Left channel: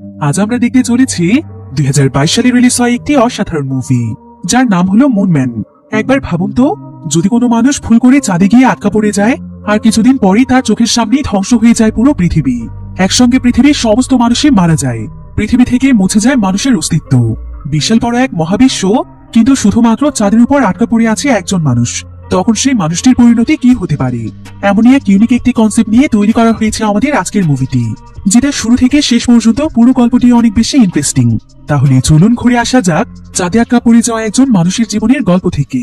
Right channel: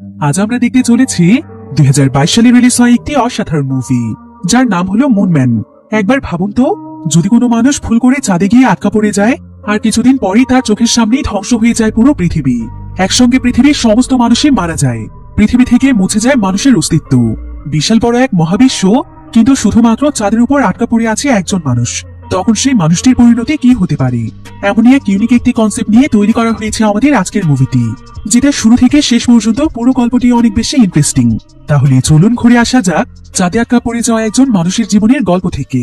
আজ আমরা দেখতে চলেছি 2022 সালে রিলিজ হওয়া একটি অসাধারণ মুভি, যার নাম হলো মুনম্যান। একবার ভাবুন তো, যদি কোনো মানুষ ভুল করে চাঁদে গিয়ে আটকা পড়ে যায়, আর কিছুদিন পরেই তার চোখের সামনেই ধ্বংস হয়ে যায় পুরো পৃথিবী। একসঙ্গে পৃথিবীর সমস্ত মানুষই মারা যায়, পৃথিবী থেকে মুছে যায় মানুষের অস্তিত্ব। বিশাল বড় এক মহাবিশ্ব, কিন্তু শুধুমাত্র চাঁদের উপর আটকা পড়ে আছে একজন মানুষ। তখন সেই মানুষটির পরিণতি কি হতে পারে? এমনই এক ইউনিক একটি কনসেপ্ট নিয়ে তৈরি করা হয়েছে আমাদের আজকের মুভিটি, যেটা শুরু থেকে শেষ পর্যন্ত পুরো গল্পটি অনেক বেশি ইন্টারেস্টিং। তাহলে চলুন ঘুরে আসা যাক চাঁদে আটকা পড়ে যাওয়া একজন মানুষের জীবনের গল্প থেকে।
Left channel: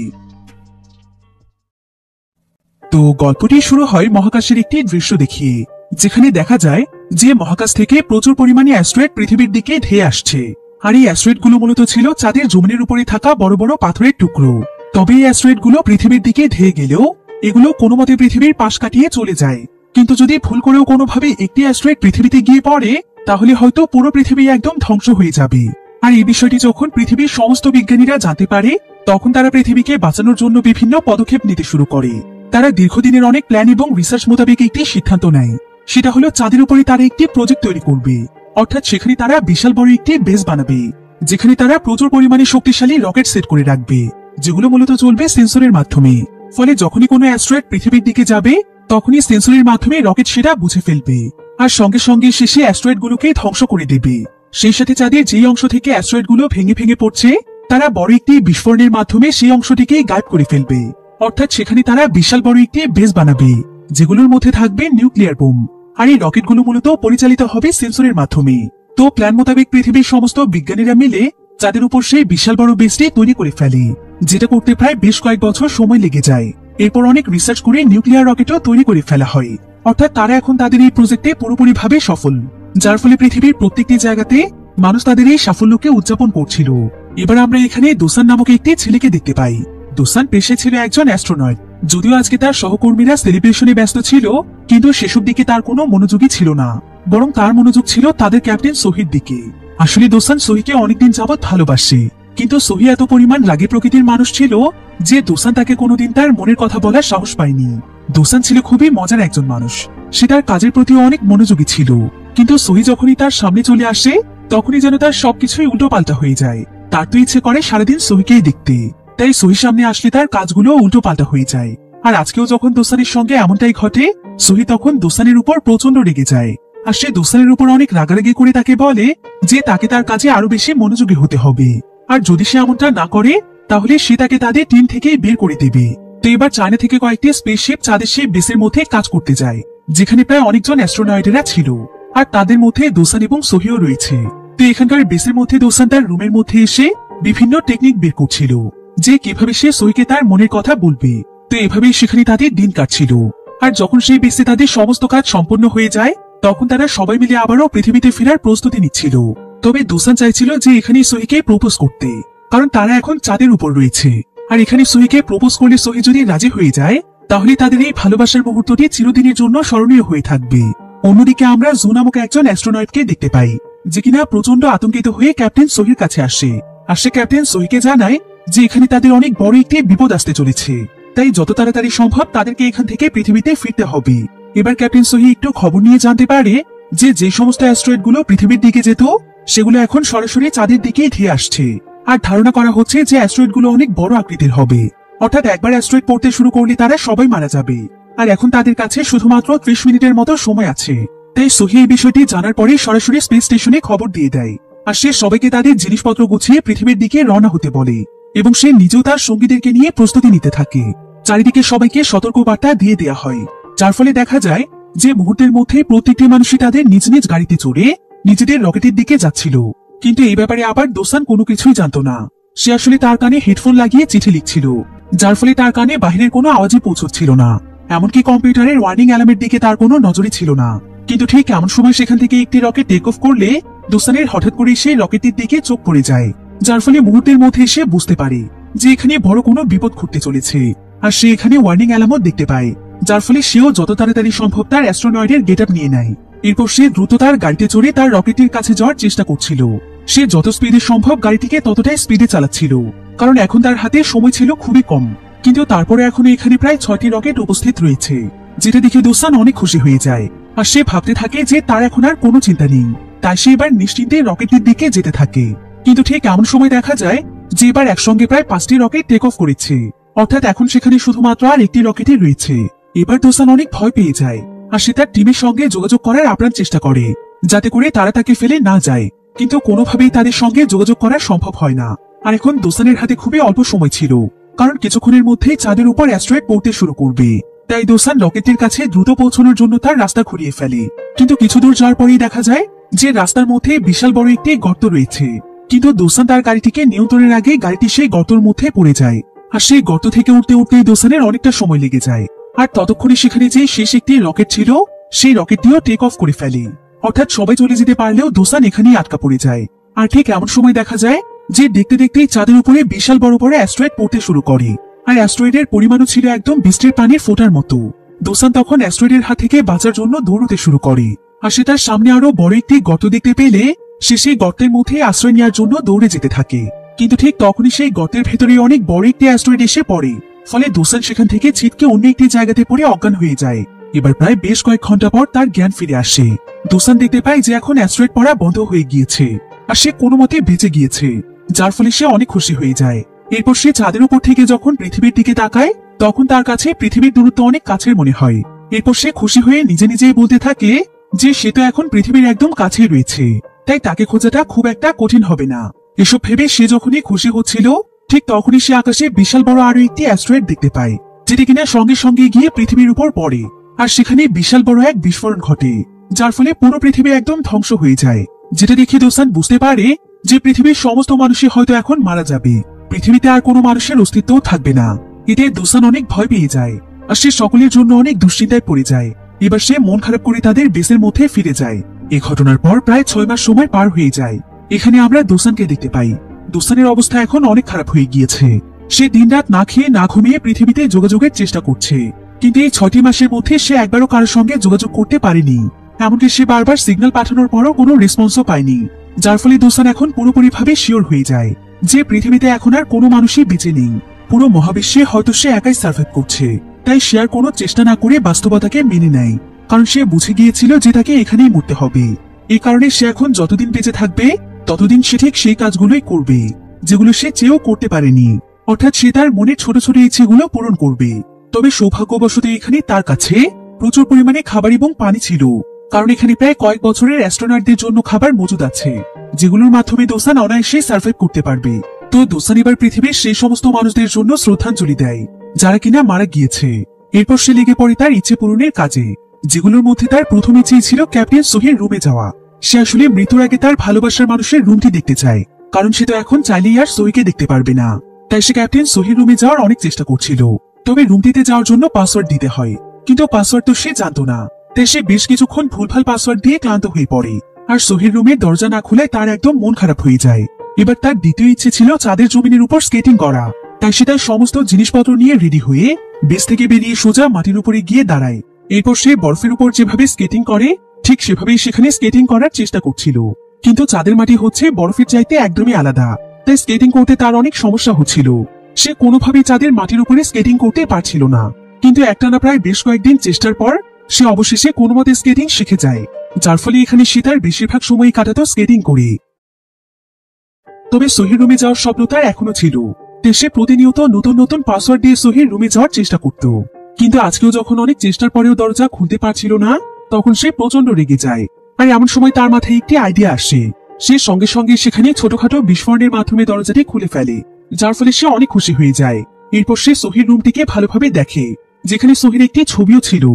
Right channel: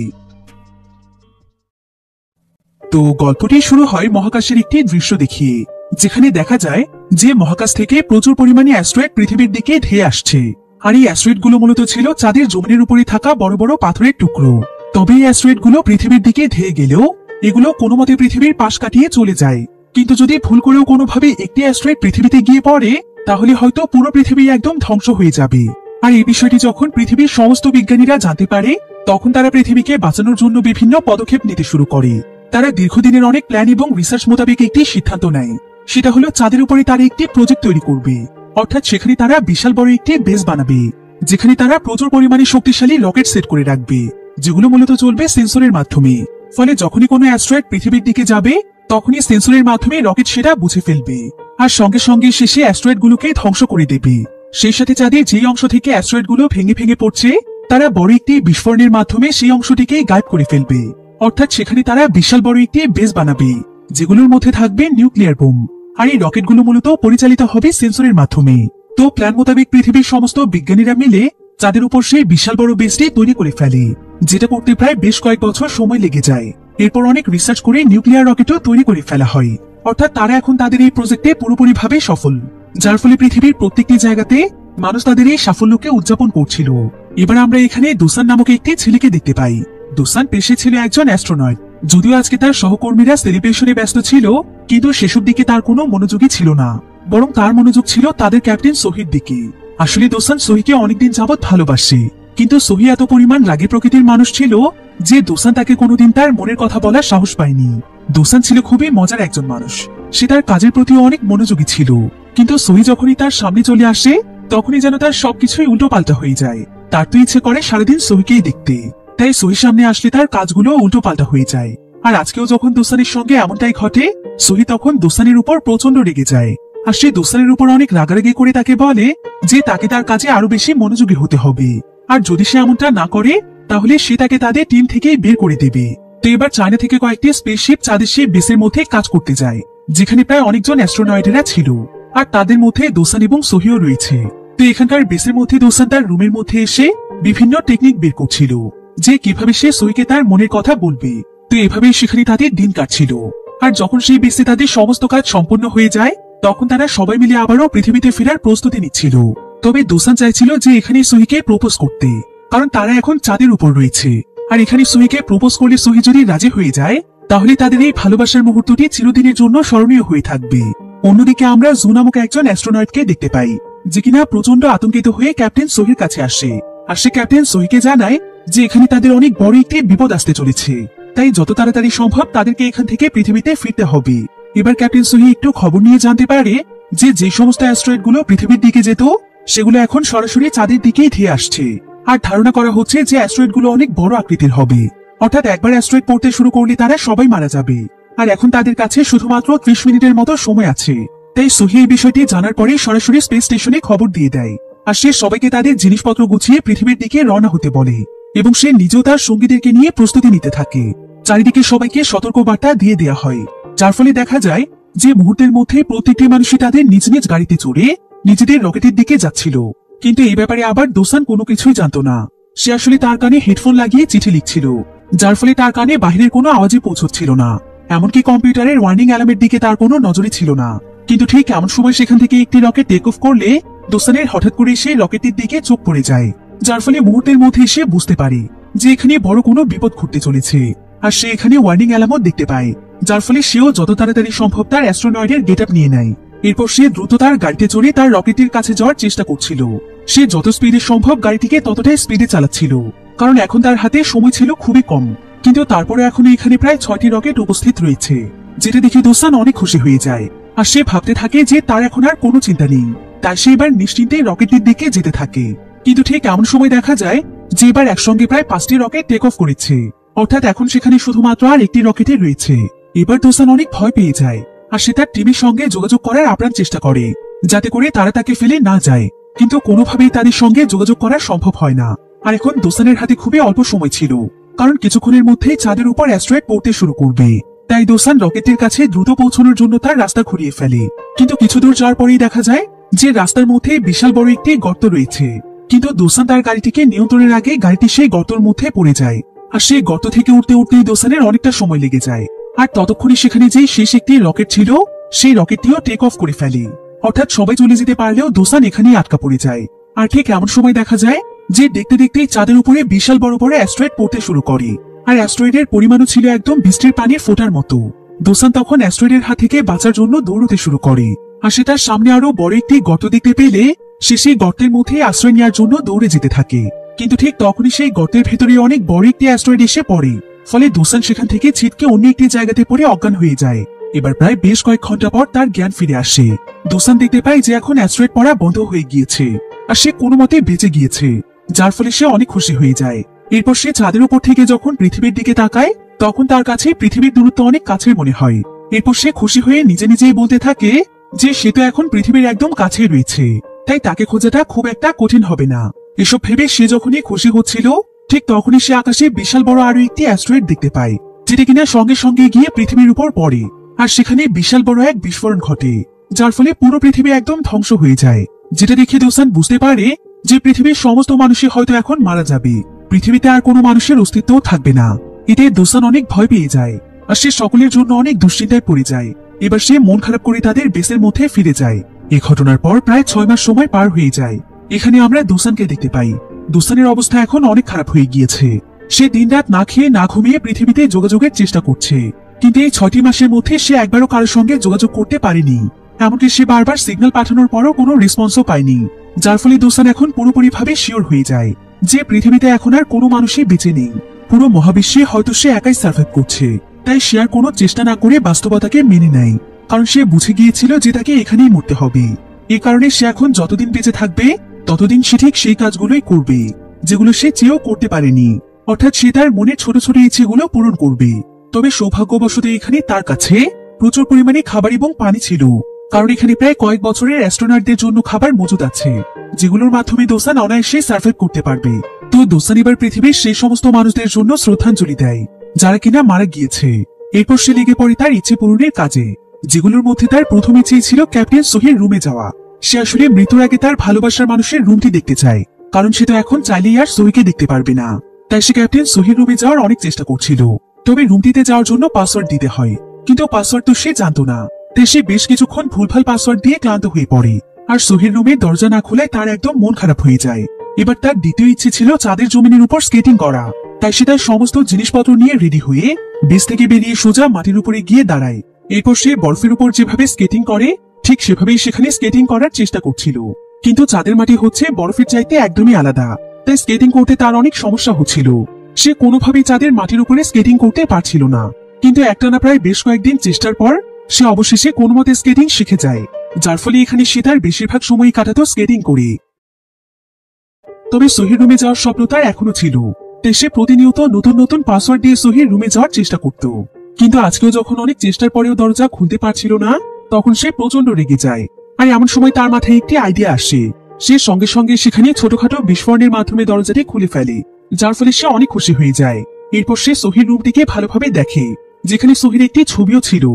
তো গল্পটি শুরু হয় মহাকাশের একটি দৃশ্য দেখিয়ে, যেখানে দেখা যায় যে মহাকাশ থেকে প্রচুর পরিমাণে অ্যাস্ট্রয়েড পৃথিবীর দিকে ধেয়ে আসছে। আর এই অ্যাস্ট্রয়েড গুলো মূলত ছিল চাঁদের জমিনের উপরে থাকা বড় বড় পাথরের টুকরো। তবে এই অ্যাস্ট্রয়েড গুলো পৃথিবীর দিকে ধেয়ে গেলেও এগুলো কোনো মতে পৃথিবীর পাশ কাটিয়ে চলে যায়। কিন্তু যদি ভুল করেও কোনোভাবে একটি অ্যাস্ট্রয়েড পৃথিবীতে গিয়ে পড়ে, তাহলে হয়তো পুরো পৃথিবী একদম ধ্বংস হয়ে যাবে। আর এই বিষয়টি যখন পৃথিবীর সমস্ত বিজ্ঞানীরা জানতে পারে, তখন তারা পৃথিবীকে বাঁচানোর জন্য বিভিন্ন পদক্ষেপ নিতে শুরু করে। তারা দীর্ঘদিনের অনেক প্ল্যান এবং রিসার্চ মোতাবেক একটি সিদ্ধান্ত নেয়, সেটা হলো চাঁদের উপরে তারা একটি প্রজেক্ট তৈরি করবে। অর্থাৎ সেখানে তারা বিশাল বড় একটি বেস বানাবে, যেখানে তারা প্রচুর পরিমাণে শক্তিশালী রকেট সেট করে রাখবে, যেগুলো মূলত চলবে সেন্সরের মাধ্যমে। ফলে যখনই কোনো অ্যাস্ট্রয়েড পৃথিবীর দিকে যাবে, তখনই সেন্সরের মাধ্যমে রকেট সেটা বুঝে ফেলবে, আর সঙ্গে সঙ্গে শেষে অ্যাস্ট্রয়েড গুলোকে ধ্বংস করে দেবে। সেই সাথে চাঁদের যেই অংশ থেকে অ্যাস্ট্রয়েড গুলো ভেঙে ভেঙে পড়ছে, তারা বড় একটি বিস্ফোরণের মাধ্যমে সেই অংশটিকে গায়েব করে ফেলবে। অর্থাৎ সেখানে তারা বিশাল বড় একটি বেস বানাবে, যেগুলোর মধ্যে থাকবে নিউক্লিয়ার বোম। আর এই রকেটগুলো মূলত পরিচালিত হবে সেন্সরের মাধ্যমে। তো প্ল্যান মোতাবেক পৃথিবীর সমস্ত বিজ্ঞানীরা মিলে চাঁদের উপর সেই বিশাল বড় বেসটি তৈরি করে ফেলে, যেটা করতে প্রায় বেশ কয়েক বছর সময় লেগে যায়। এরপর অনেক রিসার্চ করে নিউক্লিয়ার রকেটও তৈরি করে ফেলা হয়। অর্থাৎ তারা এখন তাদের এই প্রজেক্টে পুরোপুরিভাবে সফল, যার ফলে পৃথিবীর প্রত্যেকটি জায়গাতে মানুষ তাদের এই সাফল্যকে উদযাপন করছিল। এবার আমরা এখানে দোসান নামক একটি ছেলেকে দেখতে পাই। দোসান পেশে ছিল একজন অ্যাস্ট্রোনট। যদিও আজকে তার সহকর্মীরা সেলিব্রেশনে ব্যস্ত ছিল, কিন্তু সেসব দিকে তার কোনো মনোযোগই ছিল না, বরং তার মনোযোগ ছিল তাদের ক্যাপ্টেন সোহির দিকে। আসলে দোসান সোহিকে অনেকদিন যাবৎ ভালোবাসে, কিন্তু সোহি এত পরিমাণ রাগী প্রকৃতির মানুষ ছিল যে দোসান তাকে কোনোদিন তার মনের কথা বলার সাহস পায়নি। দোসান ছিল খুবই মজার একজন মানুষ, সে তার কাজের প্রতি অনেক মনোযোগী ছিল। কিন্তু সোহি যখনই তার সামনে চলে আসে, তখনই যেন তার সবকিছুই উল্টো পাল্টা হয়ে যায়। তার তো ইচ্ছে করে সারাদিন সোহিকেই দেখতে, তাই সোহির সামনে আসলে তার কাজগুলো উল্টো পাল্টা হয়ে যায়। আর আজকেও যখন দোসানের সঙ্গে এমনটাই ঘটে, সোহি তখন দোসানের উপর প্রচন্ড রেগে যায়। আর সে দোসানের উপর অনেক রাগারাগি করে তাকে বলে যে তাকে তার কাজে আরো বেশি মনোযোগী হতে হবে, আর যদি সে এমনটা না করে, তাহলে সে তাকে তাদের টিম থেকে বের করে দেবে। তো এবার চায়না থেকে কয়েকটি স্পেসশিপ চাঁদের সেই বেসের মধ্যে কাজ করতে যায়, যেখানে প্রায় অনেকজন অ্যাস্ট্রোনয়েটেরা ছিল, আর তাদের মধ্যে দোসান এবং সোহিও রয়েছে। তো এখানকার বেসের মধ্যে দোসান তার রুমের মধ্যে এসে বিভিন্ন টেকনিক বের করছিল, যে কিভাবে সে সোহিকে তার মনের কথা বলবে। তো এভাবেই সেখানে তাদের দিন কাটছিল। আর যখন সেই বেসে তাদের সমস্ত কাজ সম্পন্ন হয়ে যায়, তখন তারা সবাই মিলে আবারও পৃথিবীতে ফেরার প্রস্তুতি নিচ্ছিল। তবে দোসান চাইছিল যে এখানে সোহিকে প্রপোজ করতে, কারণ তারা এখন চাঁদের উপর রয়েছে। আর এখানে সোহিকে প্রপোজ করলে সোহি যদি রাজি হয়ে যায়, তাহলে তাদের এই ভালোবাসার মুহূর্তটি চিরদিনের জন্য স্মরণীয় হয়ে থাকবে। অন্যদিকে আমরা জু নামক একজন অ্যাস্ট্রোনয়েটকে দেখতে পাই, যে কিনা প্রচন্ড আতঙ্কিত হয়ে ক্যাপ্টেন সোহির কাছে আসে। আর সে ক্যাপ্টেন সোহিকে জানায় যে এখানে তাদের অনেক বড় একটি বিপদ আসতে চলেছে, তাই যত তাড়াতাড়ি সম্ভব তাদেরকে এখান থেকে পৃথিবীতে ফিরতে হবে। এবার ক্যাপ্টেন সোহি একটু খবর নিয়ে জানতে পারে যে সমস্ত অ্যাস্ট্রয়েড গুলো পৃথিবীর দিকে যেত, সেগুলো এখন সরাসরি চাঁদের দিকেই ধেয়ে আসছে। আর ধারণা করা হচ্ছে যে অ্যাস্ট্রয়েড গুলো অনেক বড় আকৃতির হবে, অর্থাৎ একবার অ্যাস্ট্রয়েড পড়তে শুরু করলে তারা সবাই মারা যাবে। আর এখন তাদের কাছে শুধুমাত্র 30 মিনিটের মতো সময় আছে। তাই সোহি এই বিষয়টি জানার পরে সরাসরি স্পেস স্টেশনে খবর দিয়ে দেয়। আর সে সবাইকে তাদের জিনিসপত্র গুছিয়ে পৃথিবীর দিকে রওনা হতে বলে, এবং সে নিজেও তার সঙ্গীদেরকে নিয়ে প্রস্তুতি নিতে থাকে। চারিদিকে সবাইকে সতর্ক বার্তা দিয়ে দেওয়া হয়, যার ফলে দেখা যায় যে মুহূর্তের মধ্যেই প্রত্যেকটি মানুষই তাদের নিজ নিজ গাড়িতে চড়ে নিজেদের রকেটের দিকে যাচ্ছিল। কিন্তু এই ব্যাপারে আবার দোসান কোনো কিছুই জানতো না। সে আসলে তার কানে হেডফোন লাগিয়ে চিঠি লিখছিল, যার ফলে তার কানে বাহিরের কোনো আওয়াজে পৌঁছচ্ছিল না। এমনকি কম্পিউটারের ওয়ার্নিং অ্যালার্মের দিকে তার কোনো নজরই ছিল না। কিন্তু ঠিক এমন সময় সেখান থেকে একটি রকেট টেক অফ করলে দোসানের হঠাৎ করে সেই রকেটটির দিকে চোখ পড়ে যায়, যার ফলে মুহূর্তের মধ্যে সে বুঝতে পারে যে এখানে বড় কোনো বিপদ ঘটতে চলেছে। আর সে এখানে ওয়ার্নিং অ্যালার্মও দেখতে পায়, যার ফলে সেও যত তাড়াতাড়ি সম্ভব তার অ্যাস্ট্রোনয়েডের গেটআপ নিয়ে নেয়। এরপর সে দ্রুত তার গাড়িতে চড়ে তার রকেটের কাছে যাওয়ার চেষ্টা করছিল। সে যত স্পিডে সম্ভব গাড়িটিকে ততটাই স্পিডে চালাচ্ছিল, কারণ এখন তার হাতে সময় ছিল খুবই কম। কিন্তু তারপরে এখনো এখানে প্রায় 6টি রকেট উপস্থিত রয়েছে, যেটা দেখে দোসান অনেক খুশি হয়ে যায়। আর সে ভাবতে থাকে যে তার এখন আর কোনো চিন্তা নেই, তাই সে এবার নিশ্চিন্তে রকেটের দিকে যেতে থাকে। কিন্তু ঠিক এমন সময় দেখা যায় যে এবার একসঙ্গে প্রায় 5টি রকেট টেক অফ করেছে, অর্থাৎ এখন সেখানে শুধুমাত্র আর একটি রকেটই রয়েছে। এবার দোসান অনেক ভয় পেয়ে যায় আর সে তার টিমের সঙ্গে যোগাযোগ করার আপ্রাণ চেষ্টা করে যাতে করে তারা তাকে ফেলে না যায়, কিন্তু কোনোভাবেই তাদের সঙ্গে যোগাযোগ করা সম্ভব হয় না। আর এখন দোসানের হাতে খুবই অল্প সময় ছিল, কারণ কিছুক্ষণের মধ্যেই চাঁদের উপর অ্যাস্ট্রয়েড পড়তে শুরু করবে। তাই দোসান রকেটের কাছে দ্রুত পৌঁছানোর জন্য তার রাস্তা খুঁড়িয়ে ফেলে। কিন্তু কিছু দূর যাওয়ার পরেই দেখা যায় যে রাস্তার মধ্যে বিশাল বড় একটি গর্ত রয়েছে, কিন্তু দোসান তার গাড়িটিকে নিয়ন্ত্রণের আগে গাড়িটি সেই গর্তের মধ্যে পড়ে যায়। আর সেই গর্ত থেকে উঠতে উঠতেই দোসানের অনেকটা সময় লেগে যায়। আর ততক্ষণে সেখানে যে শেষ একটি রকেট ছিল সেই রকেটটিও টেক অফ করে ফেলে, অর্থাৎ সবাই চলে যেতে পারলেও দোসান এখানেই আটকা পড়ে যায়। আর ঠিক এমন সময় দেখা যায় যে দেখতে দেখতে চাঁদের উপরে বিশাল বড় বড় অ্যাস্ট্রয়েড পড়তে শুরু করে, আর অ্যাস্ট্রয়েডের পরিমাণও ছিল একদম বৃষ্টির পানির ফোঁটার মতো। দোসান তখন অ্যাস্ট্রয়েডের হাত থেকে বাঁচার জন্য দৌড়তে শুরু করে, আর সে তার সামনে আরো বড় একটি গর্ত দেখতে পেলে সে সেই গর্তের মধ্যে আশ্রয় নেওয়ার জন্য দৌড়ে যেতে থাকে। কিন্তু ঠিক তখনই সেই গর্তের ভেতরে অনেক বড় একটি অ্যাস্ট্রয়েড এসে পড়ে, ফলে দোসান সেখান থেকে ছিটকে অন্য একটি জায়গাতে পড়ে অজ্ঞান হয়ে যায়। এবার প্রায় বেশ কয়েক ঘন্টা পর তার জ্ঞান ফিরে আসে। দোসান দেখতে পায় যে এখন অ্যাস্ট্রয়েড পড়া বন্ধ হয়ে গিয়েছে আর সে কোনো মতে বেঁচে গিয়েছে, যার ফলে সে অনেক খুশি হয়ে যায়। এরপর সে চাঁদের উপর থেকে যখন পৃথিবীর দিকে তাকায় তখন তার কাছে পৃথিবীর দূরত্ব অনেক কাছের মনে হয়। এরপর সে খুশি হয়ে নিজে নিজেই বলতে থাকে যে সে তো এখন পৃথিবীর একদম কাছে রয়েছে, তাই তাকে খোঁজাটা খুব একটা কঠিন হবে না। এসব ভেবে সে যখনই খুশি হচ্ছিল ঠিক তখনই সে আকাশে বিশাল বড় আরো একটি অ্যাস্ট্রয়েড দেখতে পায়, যেটা কিনা সঙ্গে সঙ্গে গিয়ে পৃথিবীর উপর পড়ে। আর সেখানে বিশাল বড় এক বিস্ফোরণ ঘটে, যার ফলে পুরো পৃথিবী একদম ধ্বংস হয়ে যায়। যেটা দেখে দোসান বুঝতে পারে যে পৃথিবীর সমস্ত মানুষই হয়তো এখন মারা যাবে, পৃথিবীতে আর কোনো মানুষের অস্তিত্ব থাকবে না। এতে দোসান অনেক ভয় পেয়ে যায় আর সে সকলের জন্য অনেক দুশ্চিন্তায় পড়ে যায়। এবার সে মন খারাপ করে তাদের বেসের মধ্যে ফিরে যায়। এই ঘটনার পর প্রায় 6 মাস সময় পার হয়ে যায়। এখানে আমরা দোসানকে দেখতে পাই। দোসানের অবস্থা এখন অনেক খারাপ হয়ে গিয়েছে। সে দিনরাত না খেয়ে না ঘুমিয়ে পৃথিবীতে যোগাযোগের চেষ্টা করছে, কিন্তু এই 6টি মাসের মধ্যে সে একবারও কারোর সঙ্গে যোগাযোগ করতে পারেনি। এমনকি সে বারবার সিগন্যাল পাঠানোর পরও কোনো রেসপন্সও পায়নি, যার ফলে দোসান এখন পুরোপুরিভাবে শিওর হয়ে যায় যে পৃথিবীতে এখন আর কোনো মানুষই বেঁচে নেই। পুরো মহাবিশ্বে হয়তো সে একাই সার্ভাইভ করছে। তাই সে আর কোনো চেষ্টা না করে বাস্তবতাকে মেনে নেয়, কারণ সে বুঝে গিয়েছিল যে তাকে এখানেই মরতে হবে। এই কারণে সে এখন যতদিন বেঁচে থাকবে ততদিন সে ঠিক সেই কাজগুলোই করবে যেগুলো সে চেয়েও করতে পারেনি, অর্থাৎ সে তার মনের ছোট ছোট ইচ্ছেগুলো পূরণ করবে। তবে সৌভাগ্যবশত এখানে তার কাছে প্রচুর পরিমাণে খাবার এবং পানি ছিল, কারণ এখানে প্রায় কয়েক বছরের অ্যাস্ট্রোনটদের জন্য খাবার মজুদ আছে, যেগুলোর মাধ্যমে দোসান অনায়াসে সার্ভাইভ করতে পারবে। তো দোসান এবার পৃথিবীর সেই সমস্ত মানুষদের জন্য শ্রদ্ধাঞ্জলি দেয় যারা কিনা মারা গিয়েছে। এরপর সে লেগে পড়ে তার ইচ্ছে পূরণের কাজে, যেগুলোর মধ্যে তার প্রথম ইচ্ছে ছিল ক্যাপ্টেন সোহির রুমে যাওয়া। সে আসলে মৃত্যুর আগে তার ভালোবাসার মানুষের রুমটি দেখতে চায়, কারণ সে তো এখন চাইলেই আর সোহিকে দেখতে পারবে না। তাই সে ক্যাপ্টেন সোহির রুমে যাওয়ার অনেক চেষ্টা করছিল। তবে রুমটিতে যাওয়ার জন্য পাসওয়ার্ড দিতে হয়, কিন্তু পাসওয়ার্ড তো সে জানতো না। তাই সে বেশ কিছুক্ষণ ভুলভাল পাসওয়ার্ড দিয়ে ক্লান্ত হয়ে পড়ে আর সোহির রুমের দরজা না খুলে তার একদম মন খারাপ হয়ে যায়। এবার তার দ্বিতীয় ইচ্ছে ছিল চাঁদের জমিনের উপর স্কেটিং করা। তাই সে তার সমস্ত জিনিসপত্র নিয়ে রেডি হয়ে বেস থেকে বেরিয়ে সোজা মাটির উপরে গিয়ে দাঁড়ায়। এরপর সে বরফের উপর যেভাবে স্কেটিং করে ঠিক সেভাবেই সেখানে স্কেটিং করার চেষ্টা করছিল, কিন্তু চাঁদের মাটি হচ্ছে বরফের চাইতে একদমই আলাদা। তাই স্কেটিং করতে তার অনেক সমস্যা হচ্ছিল। সে কোনোভাবেই চাঁদের মাটির উপরে স্কেটিং করতে পারছিল না, কিন্তু একটানা প্রায় বেশ কয়েকদিন চেষ্টার পর সে অবশেষে কোনো মতে স্কেটিং শিখে যায়, যার ফলে এখানে সে তার বেশিরভাগ সময় কাটাতো স্কেটিং করে। তবে সোহির রুমে যাওয়ার স্বপ্ন তার এখনো ছিল, তাই সে প্রতিনিয়ত নতুন নতুন পাসওয়ার্ড দিয়ে সোহির রুমে যাওয়ার চেষ্টা করত। কিন্তু আজকেও যখন অনেক চেষ্টার পরেও দরজা খুলতে পারছিল না তখন সে প্রচন্ড রেগে যায়। আর এমন সময় তার মাথায় একটি আইডিয়া আসে। সে সঙ্গে সঙ্গে সেখানে ছোটখাটো বিস্ফোরণের মাধ্যমে দরজাটি খুলে ফেলে, যার ফলে সে অনেক খুশি হয়ে যায়। এরপর সে সোহির রুমটিকে ভালোভাবে দেখে, যেখানে সোহির একটি ছবিও ছিল।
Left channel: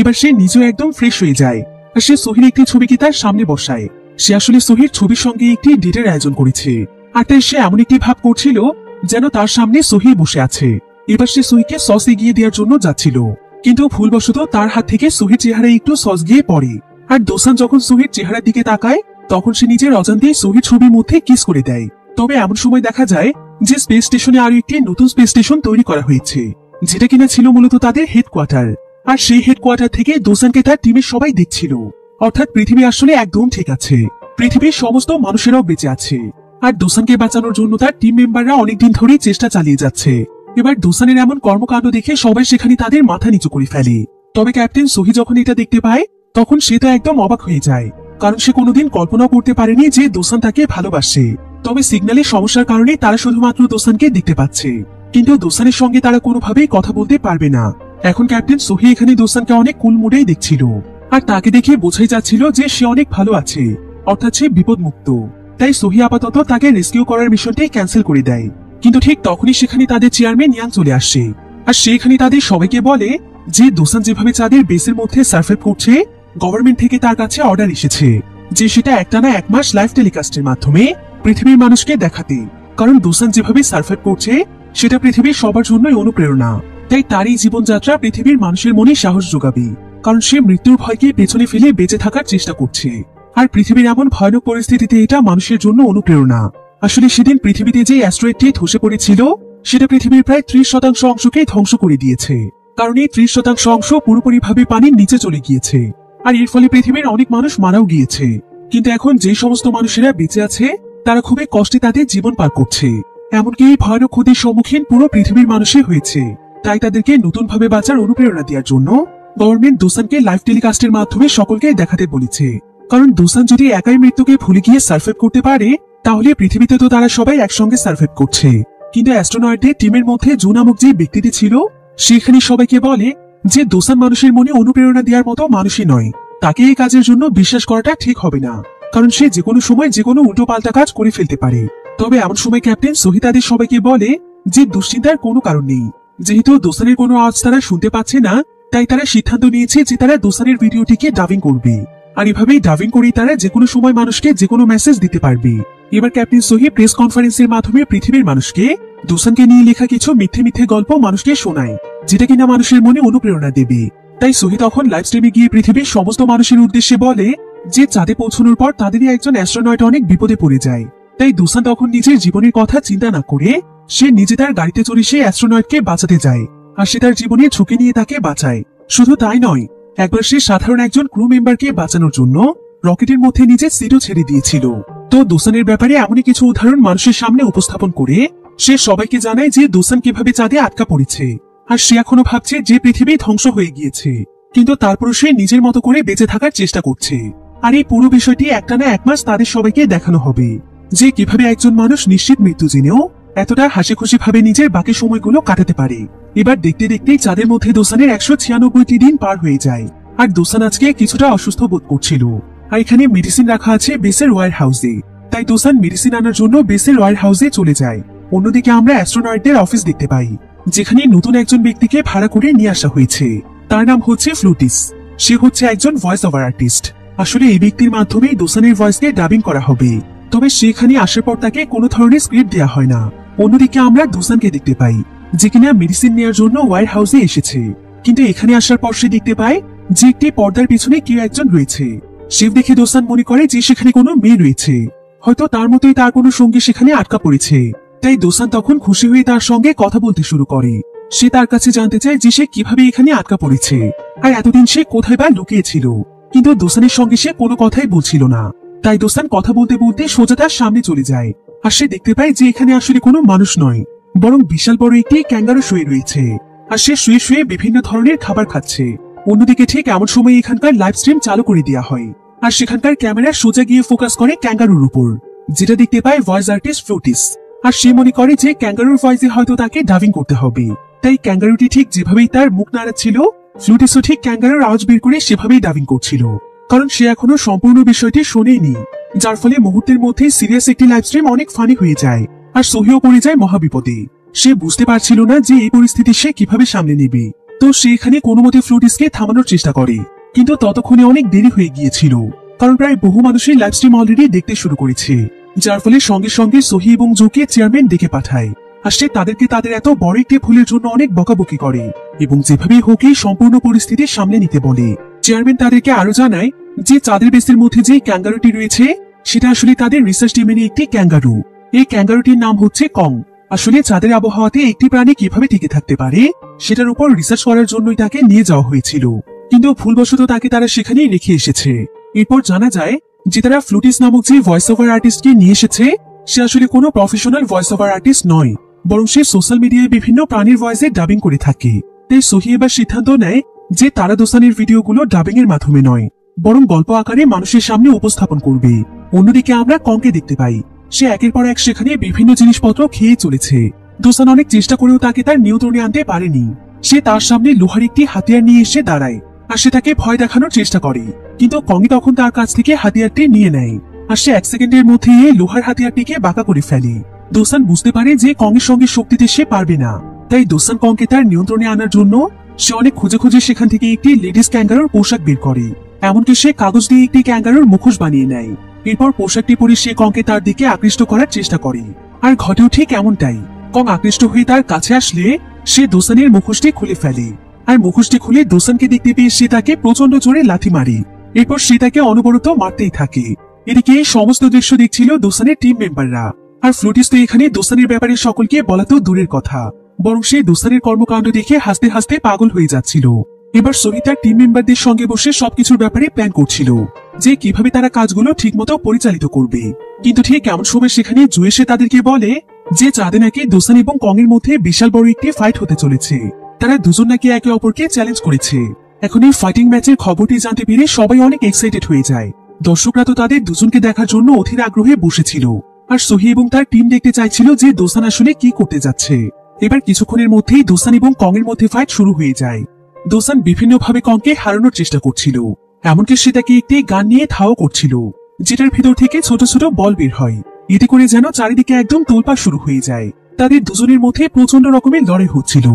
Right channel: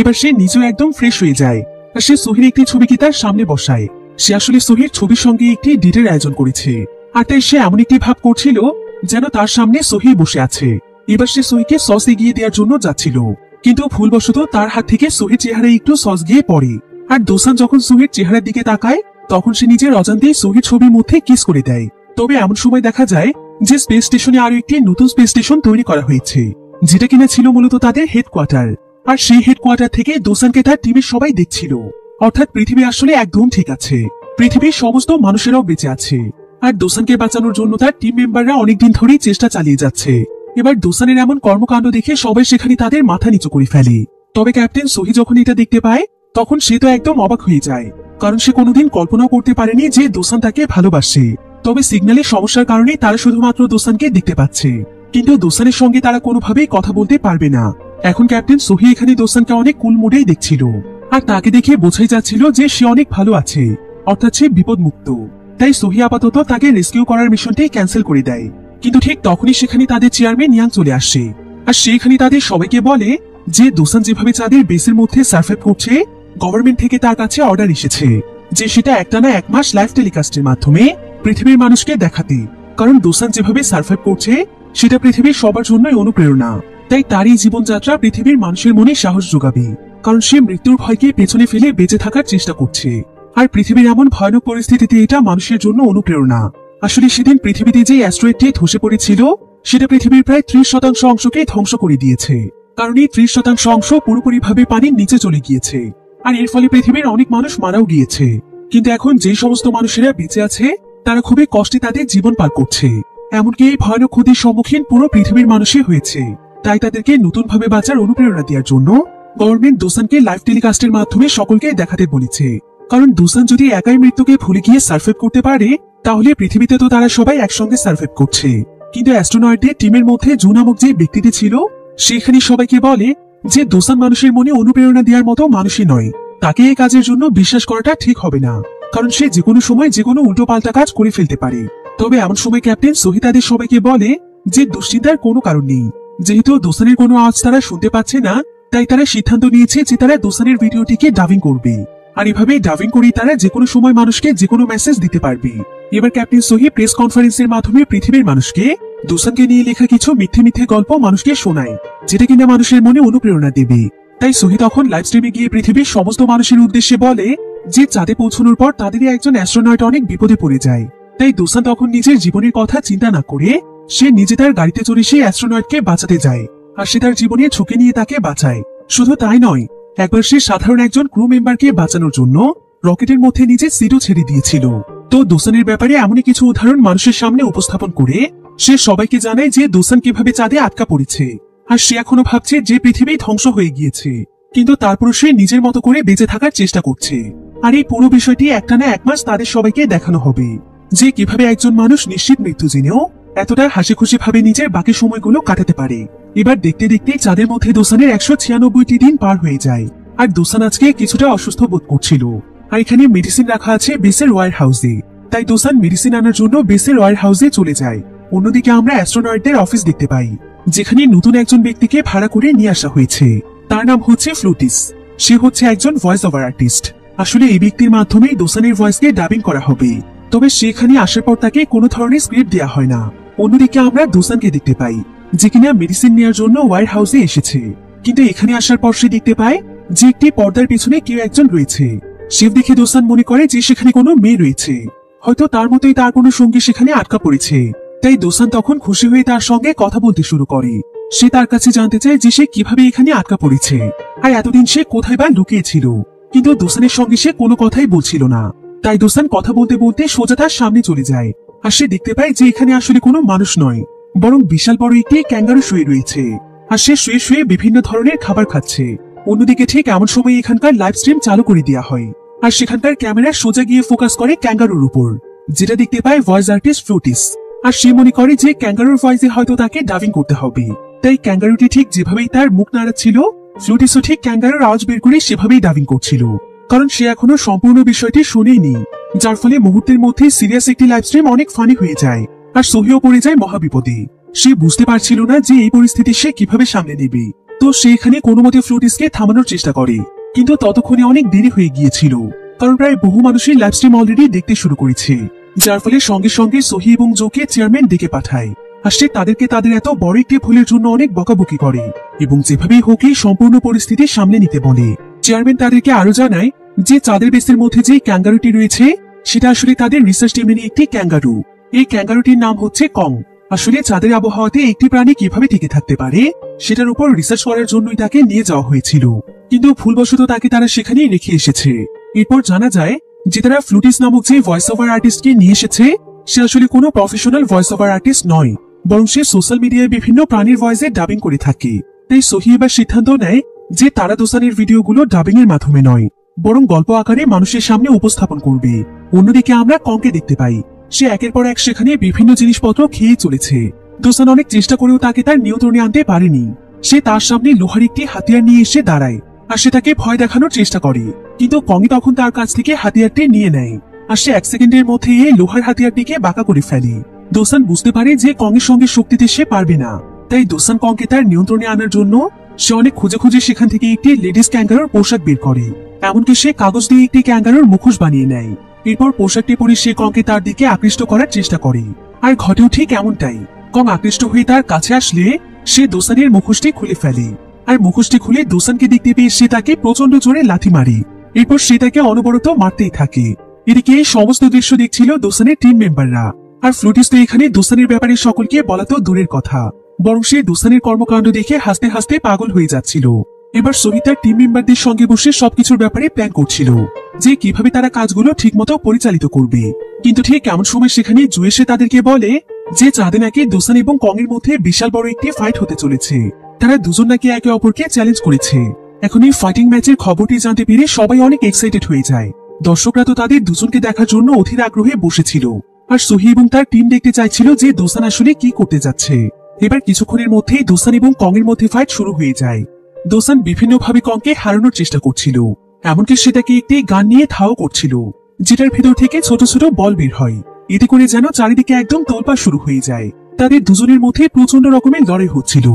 এবার সে নিজেও একদম ফ্রেশ হয়ে যায় আর সে সোহির একটি ছবিকে তার সামনে বসায়। সে আসলে সোহির ছবির সঙ্গে একটি ডেটের আয়োজন করেছে, আর তাই সে এমন একটি ভাব করছিল যেন তার সামনে সোহি বসে আছে। এবার সে সোহিকে সস এগিয়ে দেওয়ার জন্য যাচ্ছিল, কিন্তু ভুলবশত তার হাত থেকে সোহির চেহারায় একটু সস গিয়ে পড়ে। আর দোসান যখন সোহির চেহারার দিকে তাকায় তখন সে নিজের অজান্তেই সোহির ছবির মধ্যে কিস করে দেয়। তবে এমন সময় দেখা যায় যে স্পেস স্টেশনে আরো একটি নতুন স্পেস স্টেশন তৈরি করা হয়েছে, যেটা কিনা ছিল মূলত তাদের হেডকোয়ার্টার। আর সেই হেডকোয়ার্টার থেকে দোসানকে তার টিমের সবাই দেখছিল, অর্থাৎ পৃথিবী আসলে একদম ঠিক আছে, পৃথিবীর সমস্ত মানুষেরাও বেঁচে আছে। আর দোসানকে বাঁচানোর জন্য তার টিম মেম্বাররা অনেকদিন ধরেই চেষ্টা চালিয়ে যাচ্ছে। এবার দোসানের এমন কর্মকাণ্ড দেখে সবাই সেখানে তাদের মাথা নিচু করে ফেলে। তবে ক্যাপ্টেন সোহি যখন এটা দেখতে পায় তখন সে তো একদম অবাক হয়ে যায়, কারণ সে কোনোদিন কল্পনা করতে পারেনি যে দোসান তাকে ভালোবাসে। তবে সিগন্যালের সমস্যার কারণে তারা শুধুমাত্র দোসানকে দেখতে পাচ্ছে, কিন্তু দোসানের সঙ্গে তারা কোনোভাবেই কথা বলতে পারবে না। এখন ক্যাপ্টেন সোহি এখানে দোসানকে অনেক কুল মুডেই দেখছিল, আর তাকে দেখে বোঝাই যাচ্ছিল যে সে অনেক ভালো আছে, অর্থাৎ সে বিপদ মুক্ত। তাই সোহি আপাতত তাকে রেস্কিউ করার মিশনটি ক্যান্সেল করে দেয়। কিন্তু ঠিক তখনই সেখানে তাদের চেয়ারম্যান ইয়াং চলে আসে, আর সেখানে তাদের সবাইকে বলে যে দোসান যেভাবে চাঁদের বেসের মধ্যে সার্ভাইভ করছে, গভর্নমেন্ট থেকে তার কাছে অর্ডার এসেছে যে সেটা একটানা 1 মাস লাইভ টেলিকাস্টের মাধ্যমে পৃথিবীর মানুষকে দেখাতে। কারণ দোসান যেভাবে সার্ভাইভ করছে সেটা পৃথিবীর সবার জন্যই অনুপ্রেরণা। তাই তার এই জীবনযাত্রা পৃথিবীর মানুষের মনে সাহস যোগাবে, কারণ সে মৃত্যুর ভয়কে পেছনে ফেলে বেঁচে থাকার চেষ্টা করছে। আর পৃথিবীর এমন ভয়ানক পরিস্থিতিতে এটা মানুষের জন্য অনুপ্রেরণা। আসলে সেদিন পৃথিবীতে যে অ্যাস্ট্রয়েডটি ধসে পড়েছিল সেটা পৃথিবীর প্রায় 30% অংশকে ধ্বংস করে দিয়েছে, কারণ এই 30% অংশ পুরোপুরিভাবে পানির নিচে চলে গিয়েছে। আর এর ফলে পৃথিবীর অনেক মানুষ মারাও গিয়েছে। কিন্তু এখন যে সমস্ত মানুষেরা বেঁচে আছে তারা খুবই কষ্টে তাদের জীবন পার করছে। এমনকি এই ভয়ানক ক্ষতির সম্মুখীন পুরো পৃথিবীর মানুষই হয়েছে। তাই তাদেরকে নতুন ভাবে বাঁচার অনুপ্রেরণা দেওয়ার জন্য গভর্নমেন্ট দোসানকে লাইভ টেলিকাস্টের মাধ্যমে সকলকে দেখাতে বলেছে। কারণ দোসান যদি একাই মৃত্যুকে ভুলে গিয়ে সার্ভাইভ করতে পারে, তাহলে পৃথিবীতে তো তারা সবাই একসঙ্গে সার্ভাইভ করছে। কিন্তু অ্যাস্ট্রোনয়েডদের টিমের মধ্যে জু নামক যে ব্যক্তিটি ছিল, সেখানে সবাইকে বলে যে দোসান মানুষের মনে অনুপ্রেরণা দেওয়ার মতো মানুষই নয়, তাকে এই কাজের জন্য বিশ্বাস করাটা ঠিক হবে না, কারণ সে যে কোনো সময় যে কোনো উল্টো পাল্টা কাজ করে ফেলতে পারে। তবে এমন সময় ক্যাপ্টেন সোহি তাদের সবাইকে বলে যে দুশ্চিন্তার কোনো কারণ নেই, যেহেতু দোসানের কোনো আওয়াজ তারা শুনতে পাচ্ছে না, তাই তারা সিদ্ধান্ত নিয়েছে যে তারা দোসানের ভিডিওটিকে ডাবিং করবে। আর এভাবে ডাবিং করে তারা যে কোনো সময় মানুষকে যে কোনো মেসেজ দিতে পারবে। এবার ক্যাপ্টেন সোহি প্রেস কনফারেন্সের মাধ্যমে পৃথিবীর মানুষকে দোসানকে নিয়ে লেখা কিছু মিথ্যে মিথ্যে গল্প মানুষকে শোনায়, যেটা কিনা মানুষের মনে অনুপ্রেরণা দেবে। তাই সোহি তখন লাইভ স্ট্রিমে গিয়ে পৃথিবীর সমস্ত মানুষের উদ্দেশ্যে বলে যে চাঁদে পৌঁছানোর পর তাদেরই একজন অ্যাস্ট্রোনয়েট অনেক বিপদে পড়ে যায়। তাই দোসান তখন নিজের জীবনের কথা চিন্তা না করে সে নিজে তার গাড়িতে চড়ে সেই অ্যাস্ট্রোনয়েটকে বাঁচাতে যায়, আর সে তার জীবনের ঝুঁকি নিয়ে তাকে বাঁচায়। শুধু তাই নয়, একবার সে সাধারণ একজন ক্রু মেম্বারকে বাঁচানোর জন্য রকেটের মধ্যে নিজের সিটও ছেড়ে দিয়েছিল। তো দোসানের ব্যাপারে এমনই কিছু উদাহরণ মানুষের সামনে উপস্থাপন করে সে সবাইকে জানায় যে দোসান কিভাবে চাঁদে আটকা পড়েছে, আর সে এখনো ভাবছে যে পৃথিবী ধ্বংস হয়ে গিয়েছে, কিন্তু তারপর সে নিজের মতো করে বেঁচে থাকার চেষ্টা করছে। আর এই পুরো বিষয়টি একটানা 1 মাস তাদের সবাইকে দেখানো হবে যে কিভাবে একজন মানুষ নিশ্চিত মৃত্যু জেনেও এতটা হাসি খুশি ভাবে নিজের বাকি সময়গুলো কাটাতে পারে। এবার দেখতে দেখতেই চাঁদের মধ্যে দোসানের 196টি দিন পার হয়ে যায়, আর দোসান আজকে কিছুটা অসুস্থ বোধ করছিল। আর এখানে মেডিসিন রাখা আছে বেসের ওয়্যার হাউসে, তাই দোসান মেডিসিন আনার জন্য বেসের ওয়্যার হাউসে চলে যায়। অন্যদিকে আমরা অ্যাস্ট্রোনয়েডদের অফিস দেখতে পাই, যেখানে নতুন একজন ব্যক্তিকে ভাড়া করে নিয়ে আসা হয়েছে। তার নাম হচ্ছে ফ্লুটিস। সে হচ্ছে একজন ভয়েস ওভার আর্টিস্ট। আসলে এই ব্যক্তির মাধ্যমে দোসানের ভয়েসকে ডাবিং করা হবে, তবে সেখানে আসার পর তাকে কোনো ধরনের স্ক্রিপ্ট দেওয়া হয় না। অন্যদিকে আমরা দোসানকে দেখতে পাই যে কিনা মেডিসিন নেওয়ার জন্য ওয়্যার হাউসে এসেছে, কিন্তু এখানে আসার পর সে দেখতে পায় যে একটি পর্দার পিছনে কেউ একজন রয়েছে। সে দেখে দোসান মনে করে যে সেখানে কোনো মেয়ে রয়েছে, হয়তো তার মতোই তার কোনো সঙ্গী সেখানে আটকা পড়েছে। তাই দোসান তখন খুশি হয়ে তার সঙ্গে কথা বলতে শুরু করে। সে তার কাছে জানতে চায় যে সে কিভাবে এখানে আটকা পড়েছে, আর এতদিন সে কোথায় বা লুকিয়েছিল। কিন্তু দোসানের সঙ্গে সে কোনো কথাই বলছিল না। তাই দোসান কথা বলতে বলতে সোজা তার সামনে চলে যায়, আর সে দেখতে পায় যে এখানে আসলে কোনো মানুষ নয়, বরং বিশাল বড় একটি ক্যাঙ্গারু শুয়ে রয়েছে, আর সে শুয়ে শুয়ে বিভিন্ন ধরনের খাবার খাচ্ছে। অন্যদিকে ঠিক এমন সময় এখানকার লাইভ স্ট্রিম চালু করে দেওয়া হয়, আর সেখানকার ক্যামেরা সোজা গিয়ে ফোকাস করে ক্যাঙ্গারুর উপর, যেটা দেখতে পায় ভয়েস আর্টিস্ট ফ্লুটিস। আর সে মনে করে যে ক্যাঙ্গারুর ভয়েসে হয়তো তাকে ডাবিং করতে হবে। তাই ক্যাঙ্গারুটি ঠিক যেভাবেই তার মুখ নাড়াচ্ছিল, ফ্লুটিসও ঠিক ক্যাঙ্গারুর আওয়াজ বের করে সেভাবেই ডাবিং করছিল, কারণ সে এখনো সম্পূর্ণ বিষয়টি শুনেনি। যার ফলে মুহূর্তের মধ্যে সিরিয়াস একটি লাইভ স্ট্রিম অনেক ফানি হয়ে যায়, আর সোহিও পড়ে যায় মহাবিপদে। সে বুঝতে পারছিল না যে এই পরিস্থিতি সে কিভাবে সামনে নেবে। তো সে এখানে কোনো মতে ফ্লুটিসকে থামানোর চেষ্টা করে, কিন্তু ততক্ষণে অনেক দেরি হয়ে গিয়েছিল, কারণ প্রায় বহু মানুষই লাইভ স্ট্রিম অলরেডি দেখতে শুরু করেছে। যার ফলে সঙ্গে সঙ্গে সোহি এবং জোকে চেয়ারম্যান ডেকে পাঠায়, আর সে তাদেরকে তাদের এত বড় একটি ভুলের জন্য অনেক বকাবকি করে এবং যেভাবে হোক এই সম্পূর্ণ পরিস্থিতি সামলে নিতে বলে। চেয়ারম্যান তাদেরকে আরো জানায় যে চাঁদের বেসের মধ্যে যে ক্যাঙ্গারুটি রয়েছে সেটা আসলে তাদের রিসার্চ টিমের একটি ক্যাঙ্গারু। এই ক্যাঙ্গারুটির নাম হচ্ছে কং। আসলে চাঁদের আবহাওয়াতে একটি প্রাণী কিভাবে টিকে থাকতে পারে সেটার উপর রিসার্চ করার জন্যই তাকে নিয়ে যাওয়া হয়েছিল, কিন্তু ভুলবশত তাকে তারা সেখানেই রেখে এসেছে। এরপর জানা যায় যে তারা ফ্লুটিস নামক যে ভয়েস ওভার আর্টিস্টকে নিয়ে এসেছে সে আসলে কোনো প্রফেশনাল ভয়েস ওভার আর্টিস্ট নয়, বরং সে সোশ্যাল মিডিয়ায় বিভিন্ন প্রাণীর ভয়েসে ডাবিং করে থাকে। তাই সোহি এবার সিদ্ধান্ত নেয় যে তারা দোসানের ভিডিওগুলো ডাবিং এর মাধ্যমে নয়, বরং গল্প আকারে মানুষের সামনে উপস্থাপন করবে। অন্যদিকে আমরা কংকে দেখতে পাই, সে একের পর এক সেখানে বিভিন্ন জিনিসপত্র খেয়ে চলেছে। দোসান অনেক চেষ্টা করেও তাকে তার নিয়ন্ত্রণে আনতে পারেনি। সে তার সামনে লোহার একটি হাতিয়ার নিয়ে এসে দাঁড়ায়, আর সে তাকে ভয় দেখানোর চেষ্টা করে। কিন্তু কংই তখন তার কাছ থেকে হাতিয়ারটি নিয়ে নেয়, আর সে 1 সেকেন্ডের মধ্যে এই লোহার হাতিয়ারটিকে বাঁকা করে ফেলে। দোসান বুঝতে পারে যে কংয়ের সঙ্গে শক্তিতে সে পারবে না, তাই দোসান কংকে তার নিয়ন্ত্রণে আনার জন্য সে অনেক খুঁজে খুঁজে সেখান থেকে একটি লেডিস ক্যাঙ্গারুর পোশাক বের করে। এমনকি সে কাগজ দিয়ে একটি ক্যাঙ্গারুর মুখোশ বানিয়ে নেয়। এরপর পোশাকটি পরে সে কংকে তার দিকে আকৃষ্ট করার চেষ্টা করে, আর ঘটেও ঠিক এমনটাই। কং আকৃষ্ট হয়ে তার কাছে আসলে সে দোসানের মুখোশটি খুলে ফেলে, আর মুখোশটি খুলে দোসানকে দেখতে পেয়ে সে তাকে প্রচন্ড জোরে লাথি মারে। এরপর সে তাকে অনবরত মারতেই থাকে। এদিকে এই সমস্ত দৃশ্য দেখছিল দোসানের টিম মেম্বাররা, আর ফ্লুটিস তো এখানে দোসানের ব্যাপারে সকলকে বলা তো দূরের কথা, বরং সে দোসানের কর্মকাণ্ড দেখে হাসতে হাসতে পাগল হয়ে যাচ্ছিল। এবার সোহি তার টিম মেম্বারদের সঙ্গে বসে সবকিছুর ব্যাপারে প্ল্যান করছিল, যে কিভাবে তারা কাজগুলো ঠিকমতো পরিচালিত করবে। কিন্তু ঠিক এমন সময় সেখানে জু এসে তাদেরকে বলে যে চাঁদে নাকি দোসান এবং কং এর মধ্যে বিশাল বড় একটি ফাইট হতে চলেছে। তারা দুজন নাকি একে অপরকে চ্যালেঞ্জ করেছে। এখন এই ফাইটিং ম্যাচের খবরটি জানতে পেরে সবাই অনেক এক্সাইটেড হয়ে যায়। দর্শকরা তো তাদের দুজনকে দেখার জন্য অধীর আগ্রহে বসেছিল, আর সোহি এবং তার টিম দেখতে চাইছিল যে দোসান আসলে কি করতে যাচ্ছে। এবার কিছুক্ষণের মধ্যেই দোসান এবং কং এর মধ্যে ফাইট শুরু হয়ে যায়। দোসান বিভিন্নভাবে কংকে হারানোর চেষ্টা করছিল, এমনকি সে তাকে একটি গান নিয়ে ধাও করছিল, যেটার ভেতর থেকে ছোট ছোট বল বের হয়। এতে করে যেন চারিদিকে একদম তোলপাড় শুরু হয়ে যায়। তাদের দুজনের মধ্যে প্রচন্ড রকমের লড়াই হচ্ছিল।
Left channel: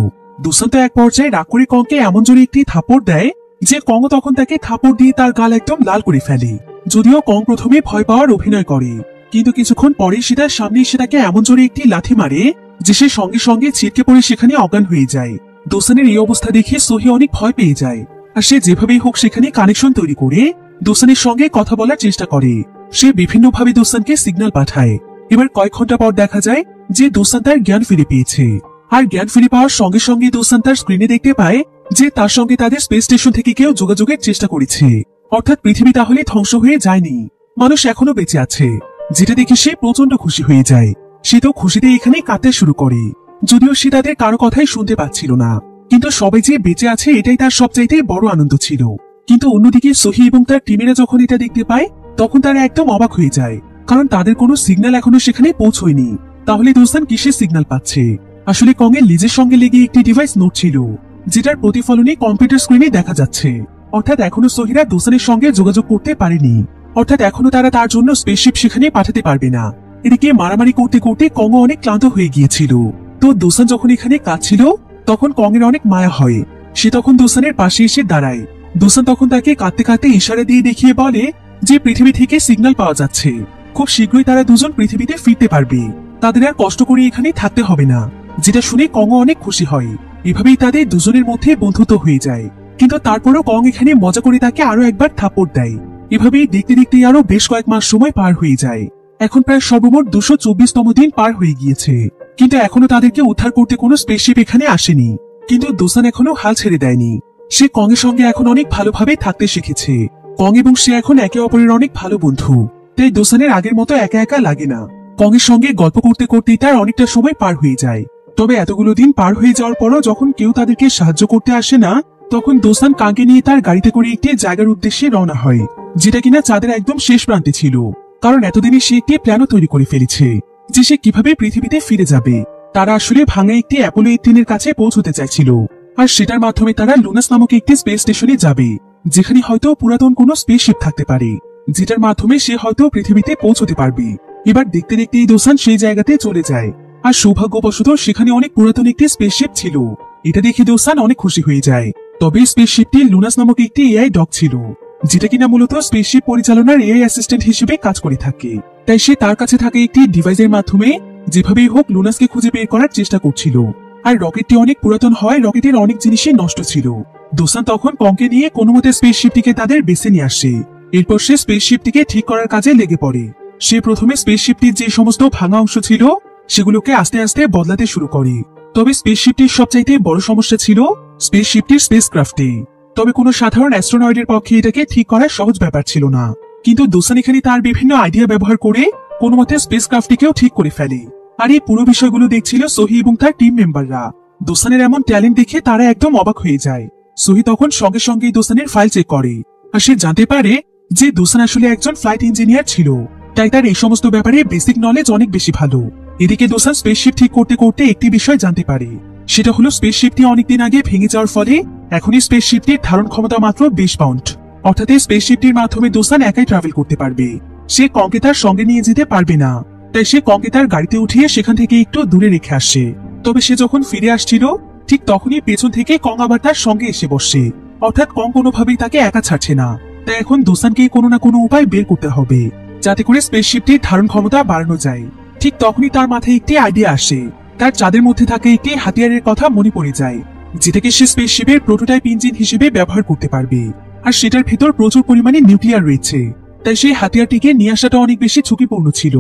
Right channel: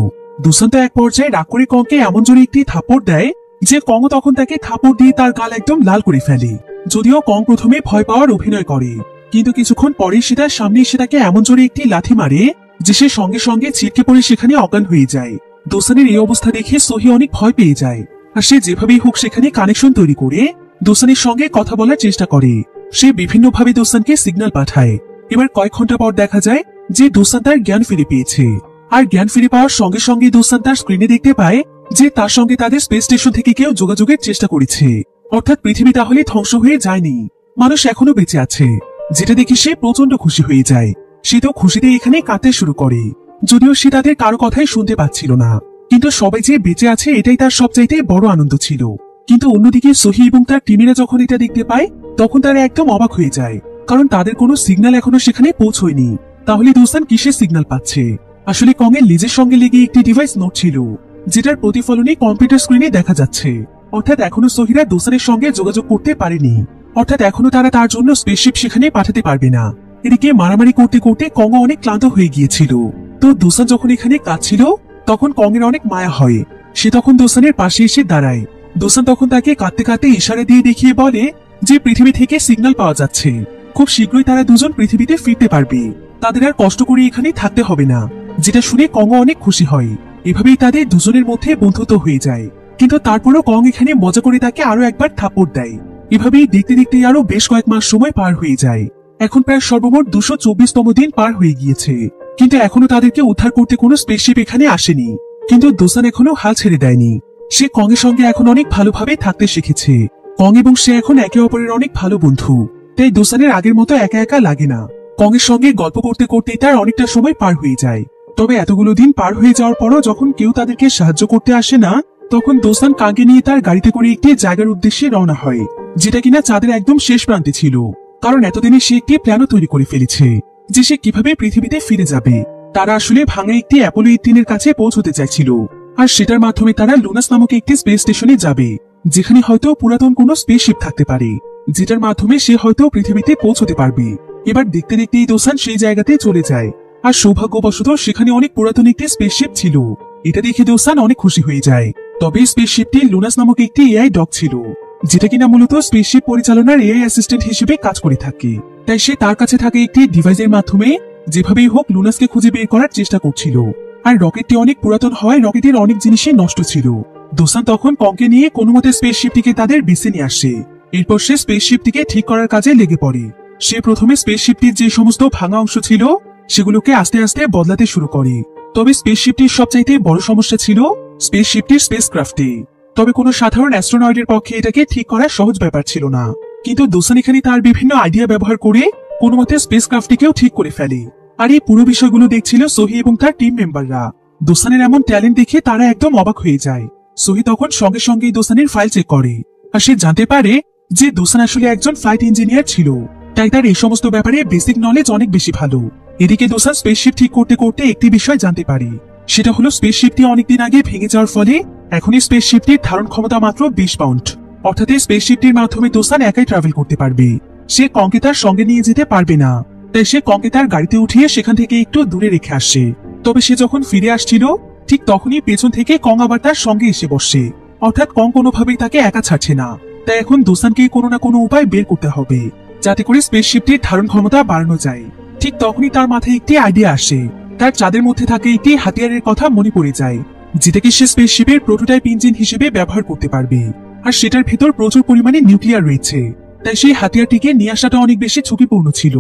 দোসান তো এক পর্যায়ে রাগ করে কংকে এমন জোরে একটি থাপড় দেয় যে কং তখন তাকে থাপড় দিয়ে তার গাল একদম লাল করে ফেলে। যদিও কং প্রথমে ভয় পাওয়ার অভিনয় করে, কিন্তু কিছুক্ষণ পরে সে তার সামনে এসে তাকে এমন জোরে একটি লাথি মারে যে সে সঙ্গে সঙ্গে ছিটকে পড়ে সেখানে অজ্ঞান হয়ে যায়। দোসানের এই অবস্থা দেখে সোহি অনেক ভয় পেয়ে যায়, আর সে যেভাবেই হোক সেখানে কানেকশন তৈরি করে দোসানের সঙ্গে কথা বলার চেষ্টা করে। সে বিভিন্নভাবে দোসানকে সিগন্যাল পাঠায়। এবার কয়েক ঘন্টা পর দেখা যায় যে দোসান তার জ্ঞান ফিরে পেয়েছে, আর জ্ঞান ফিরে পাওয়ার সঙ্গে সঙ্গে দোসান তার স্ক্রিনে দেখতে পায় যে তার সঙ্গে তাদের স্পেস স্টেশন থেকে কেউ যোগাযোগের চেষ্টা করেছে। অর্থাৎ পৃথিবী তাহলে ধ্বংস হয়ে যায়নি, মানুষ এখনো বেঁচে আছে, যেটা দেখে সে প্রচন্ড খুশি হয়ে যায়। সে তো খুশিতে এখানে কাঁদতে শুরু করে, যদিও সে তাদের কারো কথাই শুনতে পাচ্ছিল না। কিন্তু সবাই যে বেঁচে আছে এটাই তার সবচেয়ে বড় আনন্দ ছিল। কিন্তু অন্যদিকে সোহি এবং তার টিমেরা যখন এটা দেখতে পায় তখন তারা একদম অবাক হয়ে যায়, কারণ তাদের কোনো সিগন্যাল এখনো সেখানে পৌঁছয়নি। তাহলে দোসান কিসের সিগন্যাল পাচ্ছে? আসলে কং এর লিজের সঙ্গে লেগে একটি ডিভাইস নড়ছিল, যেটার প্রতিফলনে কম্পিউটার স্ক্রিনে দেখা যাচ্ছে। অর্থাৎ এখনো সোহিরা দোসানের সঙ্গে যোগাযোগ করতে পারেনি, অর্থাৎ এখনো তারা তার জন্য স্পেসশিপ সেখানে পাঠাতে পারবে না। এদিকে মারামারি করতে করতে কং অনেক ক্লান্ত হয়ে গিয়েছিল। তো দোসান যখন এখানে কাঁদছিল তখন কং এর অনেক মায়া হয়। সে তখন দোসানের পাশে এসে দাঁড়ায়। দোসান তখন তাকে কাঁদতে কাঁদতে ইশারা দিয়ে দেখিয়ে বলে যে পৃথিবী থেকে সিগন্যাল পাওয়া যাচ্ছে, খুব শীঘ্রই তারা দুজন পৃথিবীতে ফিরতে পারবে, তাদের আর কষ্ট করে এখানে থাকতে হবে না। যেটা শুনে কং অনেক খুশি হয়। এভাবেই তাদের দুজনের মধ্যে বন্ধুত্ব হয়ে যায়। কিন্তু তারপরও কং এখানে মজা করে তাকে আরো একবার থাপ্পড় দেয়। এভাবেই দেখতে দেখতে আরো বেশ কয়েক মাস সময় পার হয়ে যায়। এখন প্রায় সর্বমোট 224তম দিন পার হয়ে গিয়েছে, কিন্তু এখনো তাদেরকে উদ্ধার করতে কোনো স্পেসশিপ এখানে আসেনি। কিন্তু দোসান এখনো হাল ছেড়ে দেয়নি। সে কং এর সঙ্গে এখন অনেক ভালোভাবে থাকতে শিখেছে। কং এবং সে এখন একে অপরের অনেক ভালো বন্ধু, তাই দোসানের আগের মতো একা একা লাগে না। কং এর সঙ্গে গল্প করতে করতেই তার অনেকটা সময় পার হয়ে যায়। তবে এতগুলো দিন পার হয়ে যাওয়ার পরও যখন কেউ তাদেরকে সাহায্য করতে আসে না, তখন দোসান কাঙ্কে নিয়ে তার গাড়িতে করে একটি জায়গার উদ্দেশ্যে রওনা হয়, যেটা কিনা চাঁদের একদম শেষ প্রান্তে ছিল। কারণ এতদিনে সে একটি প্ল্যানও তৈরি করে ফেলেছে যে সে কিভাবে পৃথিবীতে ফিরে যাবে। তারা আসলে ভাঙা একটি অ্যাপোলো 18 এর কাছে পৌঁছতে চাইছিল, আর সেটার মাধ্যমে তারা লুনাস নামক একটি স্পেস স্টেশনে যাবে, যেখানে হয়তো পুরাতন কোনো স্পেসশিপ থাকতে পারে, যেটার মাধ্যমে সে হয়তো পৃথিবীতে পৌঁছতে পারবে। এবার দেখতে দেখতে এই দোসান সেই জায়গাতে চলে যায়, আর সৌভাগ্যবশত সেখানে অনেক পুরাতন একটি স্পেসশিপ ছিল। এটা দেখে দোসান অনেক খুশি হয়ে যায়। তবে স্পেসশিপটি লুনাস নামক একটি এআই ডগ ছিল, যেটা কিনা মূলত স্পেসশিপ পরিচালনার এআই অ্যাসিস্ট্যান্ট হিসেবে কাজ করে থাকে। তাই সে তার কাছে থাকে একটি ডিভাইসের মাধ্যমে যেভাবেই হোক লুনাসকে খুঁজে বের করার চেষ্টা করছিল। আর রকেটটি অনেক পুরাতন হয়, রকেটের অনেক জিনিসই নষ্ট ছিল। দোসান তখন কংকে নিয়ে কোনো মতে স্পেসশিপটিকে তাদের বেসে নিয়ে আসে। এরপর সে স্পেসশিপটিকে ঠিক করার কাজে লেগে পড়ে। সে প্রথমে স্পেসশিপটির যে সমস্ত ভাঙা অংশ ছিল সেগুলোকে আস্তে আস্তে বদলাতে শুরু করে। তবে স্পেসশিপটির সবচাইতে বড় সমস্যা ছিল স্পেসশিপটির স্পেসক্রাফটে। তবে কোনো সাধারণ অ্যাস্ট্রোনয়েডের পক্ষে এটাকে ঠিক করা সহজ ব্যাপার ছিল না। কিন্তু দোসান এখানে তার বিভিন্ন আইডিয়া ব্যবহার করে কোনো মতে স্পেসক্রাফটটিকেও ঠিক করে ফেলে। আর এই পুরো বিষয়গুলো দেখছিল সোহি এবং তার টিম মেম্বাররা। দোসানের এমন ট্যালেন্ট দেখে তারা একদম অবাক হয়ে যায়। সোহি তখন সঙ্গে সঙ্গে দোসানের ফাইল চেক করে, আর সে জানতে পারে যে দোসান আসলে একজন ফ্লাইট ইঞ্জিনিয়ার ছিল, তাই তার এই সমস্ত ব্যাপারে বেসিক নলেজ অনেক বেশি ভালো। এদিকে দোসান স্পেসশিপ ঠিক করতে করতে একটি বিষয় জানতে পারে, সেটা হলো স্পেসশিপটি অনেকদিন আগে ভেঙে যাওয়ার ফলে এখন এই স্পেসশিপটির ধারণ ক্ষমতা মাত্র 20 পাউন্ড। অর্থাৎ এই স্পেসশিপটির মাধ্যমে দোসান একাই ট্রাভেল করতে পারবে, সে কংকে তার সঙ্গে নিয়ে যেতে পারবে না। তাই সে কংকে তার গাড়িতে উঠিয়ে সেখান থেকে একটু দূরে রেখে আসে। তবে সে যখন ফিরে আসছিল ঠিক তখনই পেছন থেকে কং আবার তার সঙ্গে এসে বসে, অর্থাৎ কং কোনোভাবেই তাকে একা ছাড়ছে না। তাই এখন দোসানকে কোনো না কোনো উপায় বের করতে হবে যাতে করে স্পেসশিপটির ধারণ ক্ষমতা বাড়ানো যায়। ঠিক তখনই তার মাথায় একটি আইডিয়া আসে, তার চাঁদের মধ্যে থাকা একটি হাতিয়ারের কথা মনে পড়ে যায়, যেটাকে সে স্পেসশিপের প্রোটোটাইপ ইঞ্জিন হিসেবে ব্যবহার করতে পারবে। আর সেটার ভেতর প্রচুর পরিমাণে নিউক্লিয়ার রয়েছে, তাই সেই হাতিয়ারটিকে নিয়ে আসাটা অনেক বেশি ঝুঁকিপূর্ণ ছিল,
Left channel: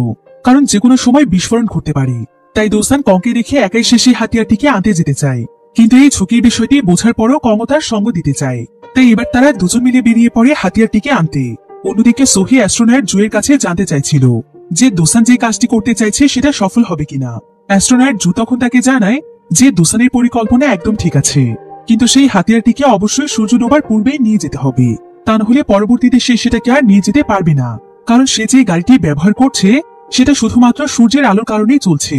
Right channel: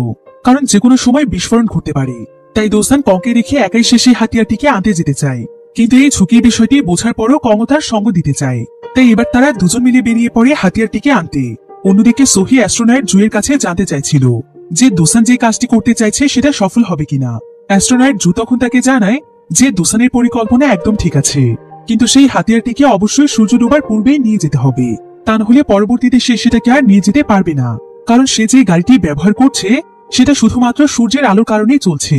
কারণ যে কোনো সময় বিস্ফোরণ ঘটতে পারে। তাই দোসান কংকে রেখে একাই সে সেই হাতিয়ারটিকে আনতে যেতে চায়, কিন্তু এই ঝুঁকির বিষয়টি বোঝার পরও কং তার সঙ্গ দিতে চায়। তাই এবার তারা দুজন মিলে বেরিয়ে পড়ে হাতিয়ারটিকে আনতে। অন্যদিকে সোহি অ্যাস্ট্রোনয়েট জুয়ের কাছে জানতে চাইছিল যে দোসান যে কাজটি করতে চাইছে সেটা সফল হবে কিনা। অ্যাস্ট্রোনয়েট জু তখন তাকে জানায় যে দোসানের পরিকল্পনা একদম ঠিক আছে, কিন্তু সেই হাতিয়ারটিকে অবশ্যই সূর্য ডোবার পূর্বেই নিয়ে যেতে হবে, তা নাহলে পরবর্তীতে সে সেটাকে আর নিয়ে যেতে পারবে না, কারণ সে যে গাড়িটি ব্যবহার করছে সেটা শুধুমাত্র সূর্যের আলোর কারণেই চলছে।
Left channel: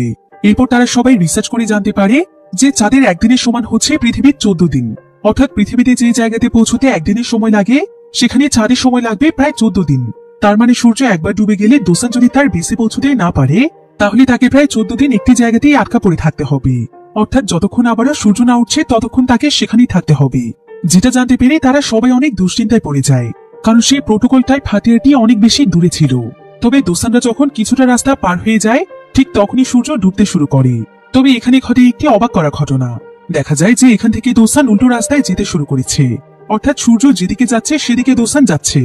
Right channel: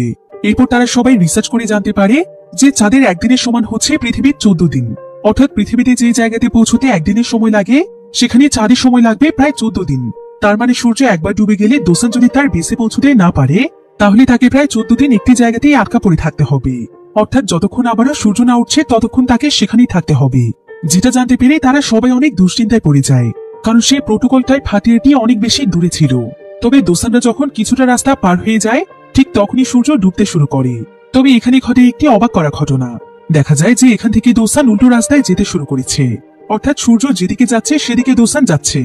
এরপর তারা সবাই রিসার্চ করে জানতে পারে যে চাঁদের একদিনের সমান হচ্ছে পৃথিবীর 14 দিন। অর্থাৎ পৃথিবীতে যে জায়গাতে পৌঁছতে একদিনের সময় লাগে সেখানে চাঁদের সময় লাগবে প্রায় 14 দিন। তার মানে সূর্য একবার ডুবে গেলে দোসান যদি তার বেসে পৌঁছতে না পারে তাহলে তাকে প্রায় 14 দিন একটি জায়গাতেই আটকা পড়ে থাকতে হবে। অর্থাৎ যতক্ষণ আবারও সূর্য না উঠছে ততক্ষণ তাকে সেখানেই থাকতে হবে। যেটা জানতে পেরে তারা সবাই অনেক দুশ্চিন্তায় পড়ে যায়, কারণ সেই প্রোটোকল টাইপ হাতিয়ারটি অনেক বেশি দূরে ছিল। তবে দোসানরা যখন কিছুটা রাস্তা পার হয়ে যায় ঠিক তখনই সূর্য ডুবতে শুরু করে। তবে এখানে ঘটে একটি অবাক করা ঘটনা। দেখা যায় যে এখান থেকে দোসান উল্টো রাস্তায় যেতে শুরু করেছে, অর্থাৎ সূর্য যেদিকে যাচ্ছে সেদিকে দোসান যাচ্ছে।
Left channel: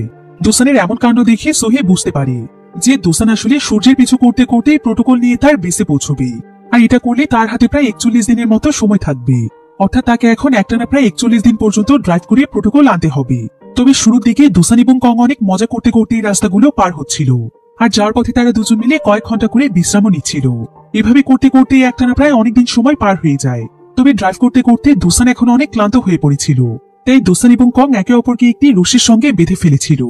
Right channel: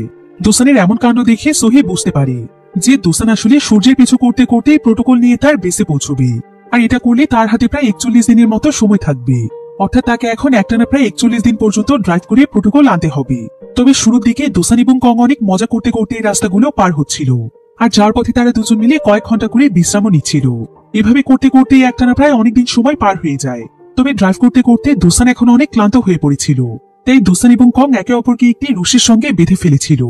দোসানের এমন কাণ্ড দেখে সোহে বুঝতে পারে যে দোসান আসলে সূর্যের পিছু করতে করতে প্রোটোকল নিয়ে তার বেসে পৌঁছবে, আর এটা করলে তার হাতে প্রায় 41 দিনের মতো সময় থাকবে। অর্থাৎ তাকে এখন একটানা প্রায় 41 দিন পর্যন্ত ড্রাইভ করে প্রোটোকল আনতে হবে। তবে শুরুর দিকে দোসান এবং কং অনেক মজা করতে করতে এই রাস্তাগুলো পার হচ্ছিল, আর যার পথে তারা দুজন মিলে কয়েক ঘন্টা করে বিশ্রামও নিচ্ছিল। এভাবে করতে করতে একটানা প্রায় অনেকদিন সময় পার হয়ে যায়। তবে ড্রাইভ করতে করতে দোসান এখন অনেক ক্লান্ত হয়ে পড়েছিল, তাই দোসান এবং কং একে অপরকে একটি রশির সঙ্গে বেঁধে ফেলেছিল,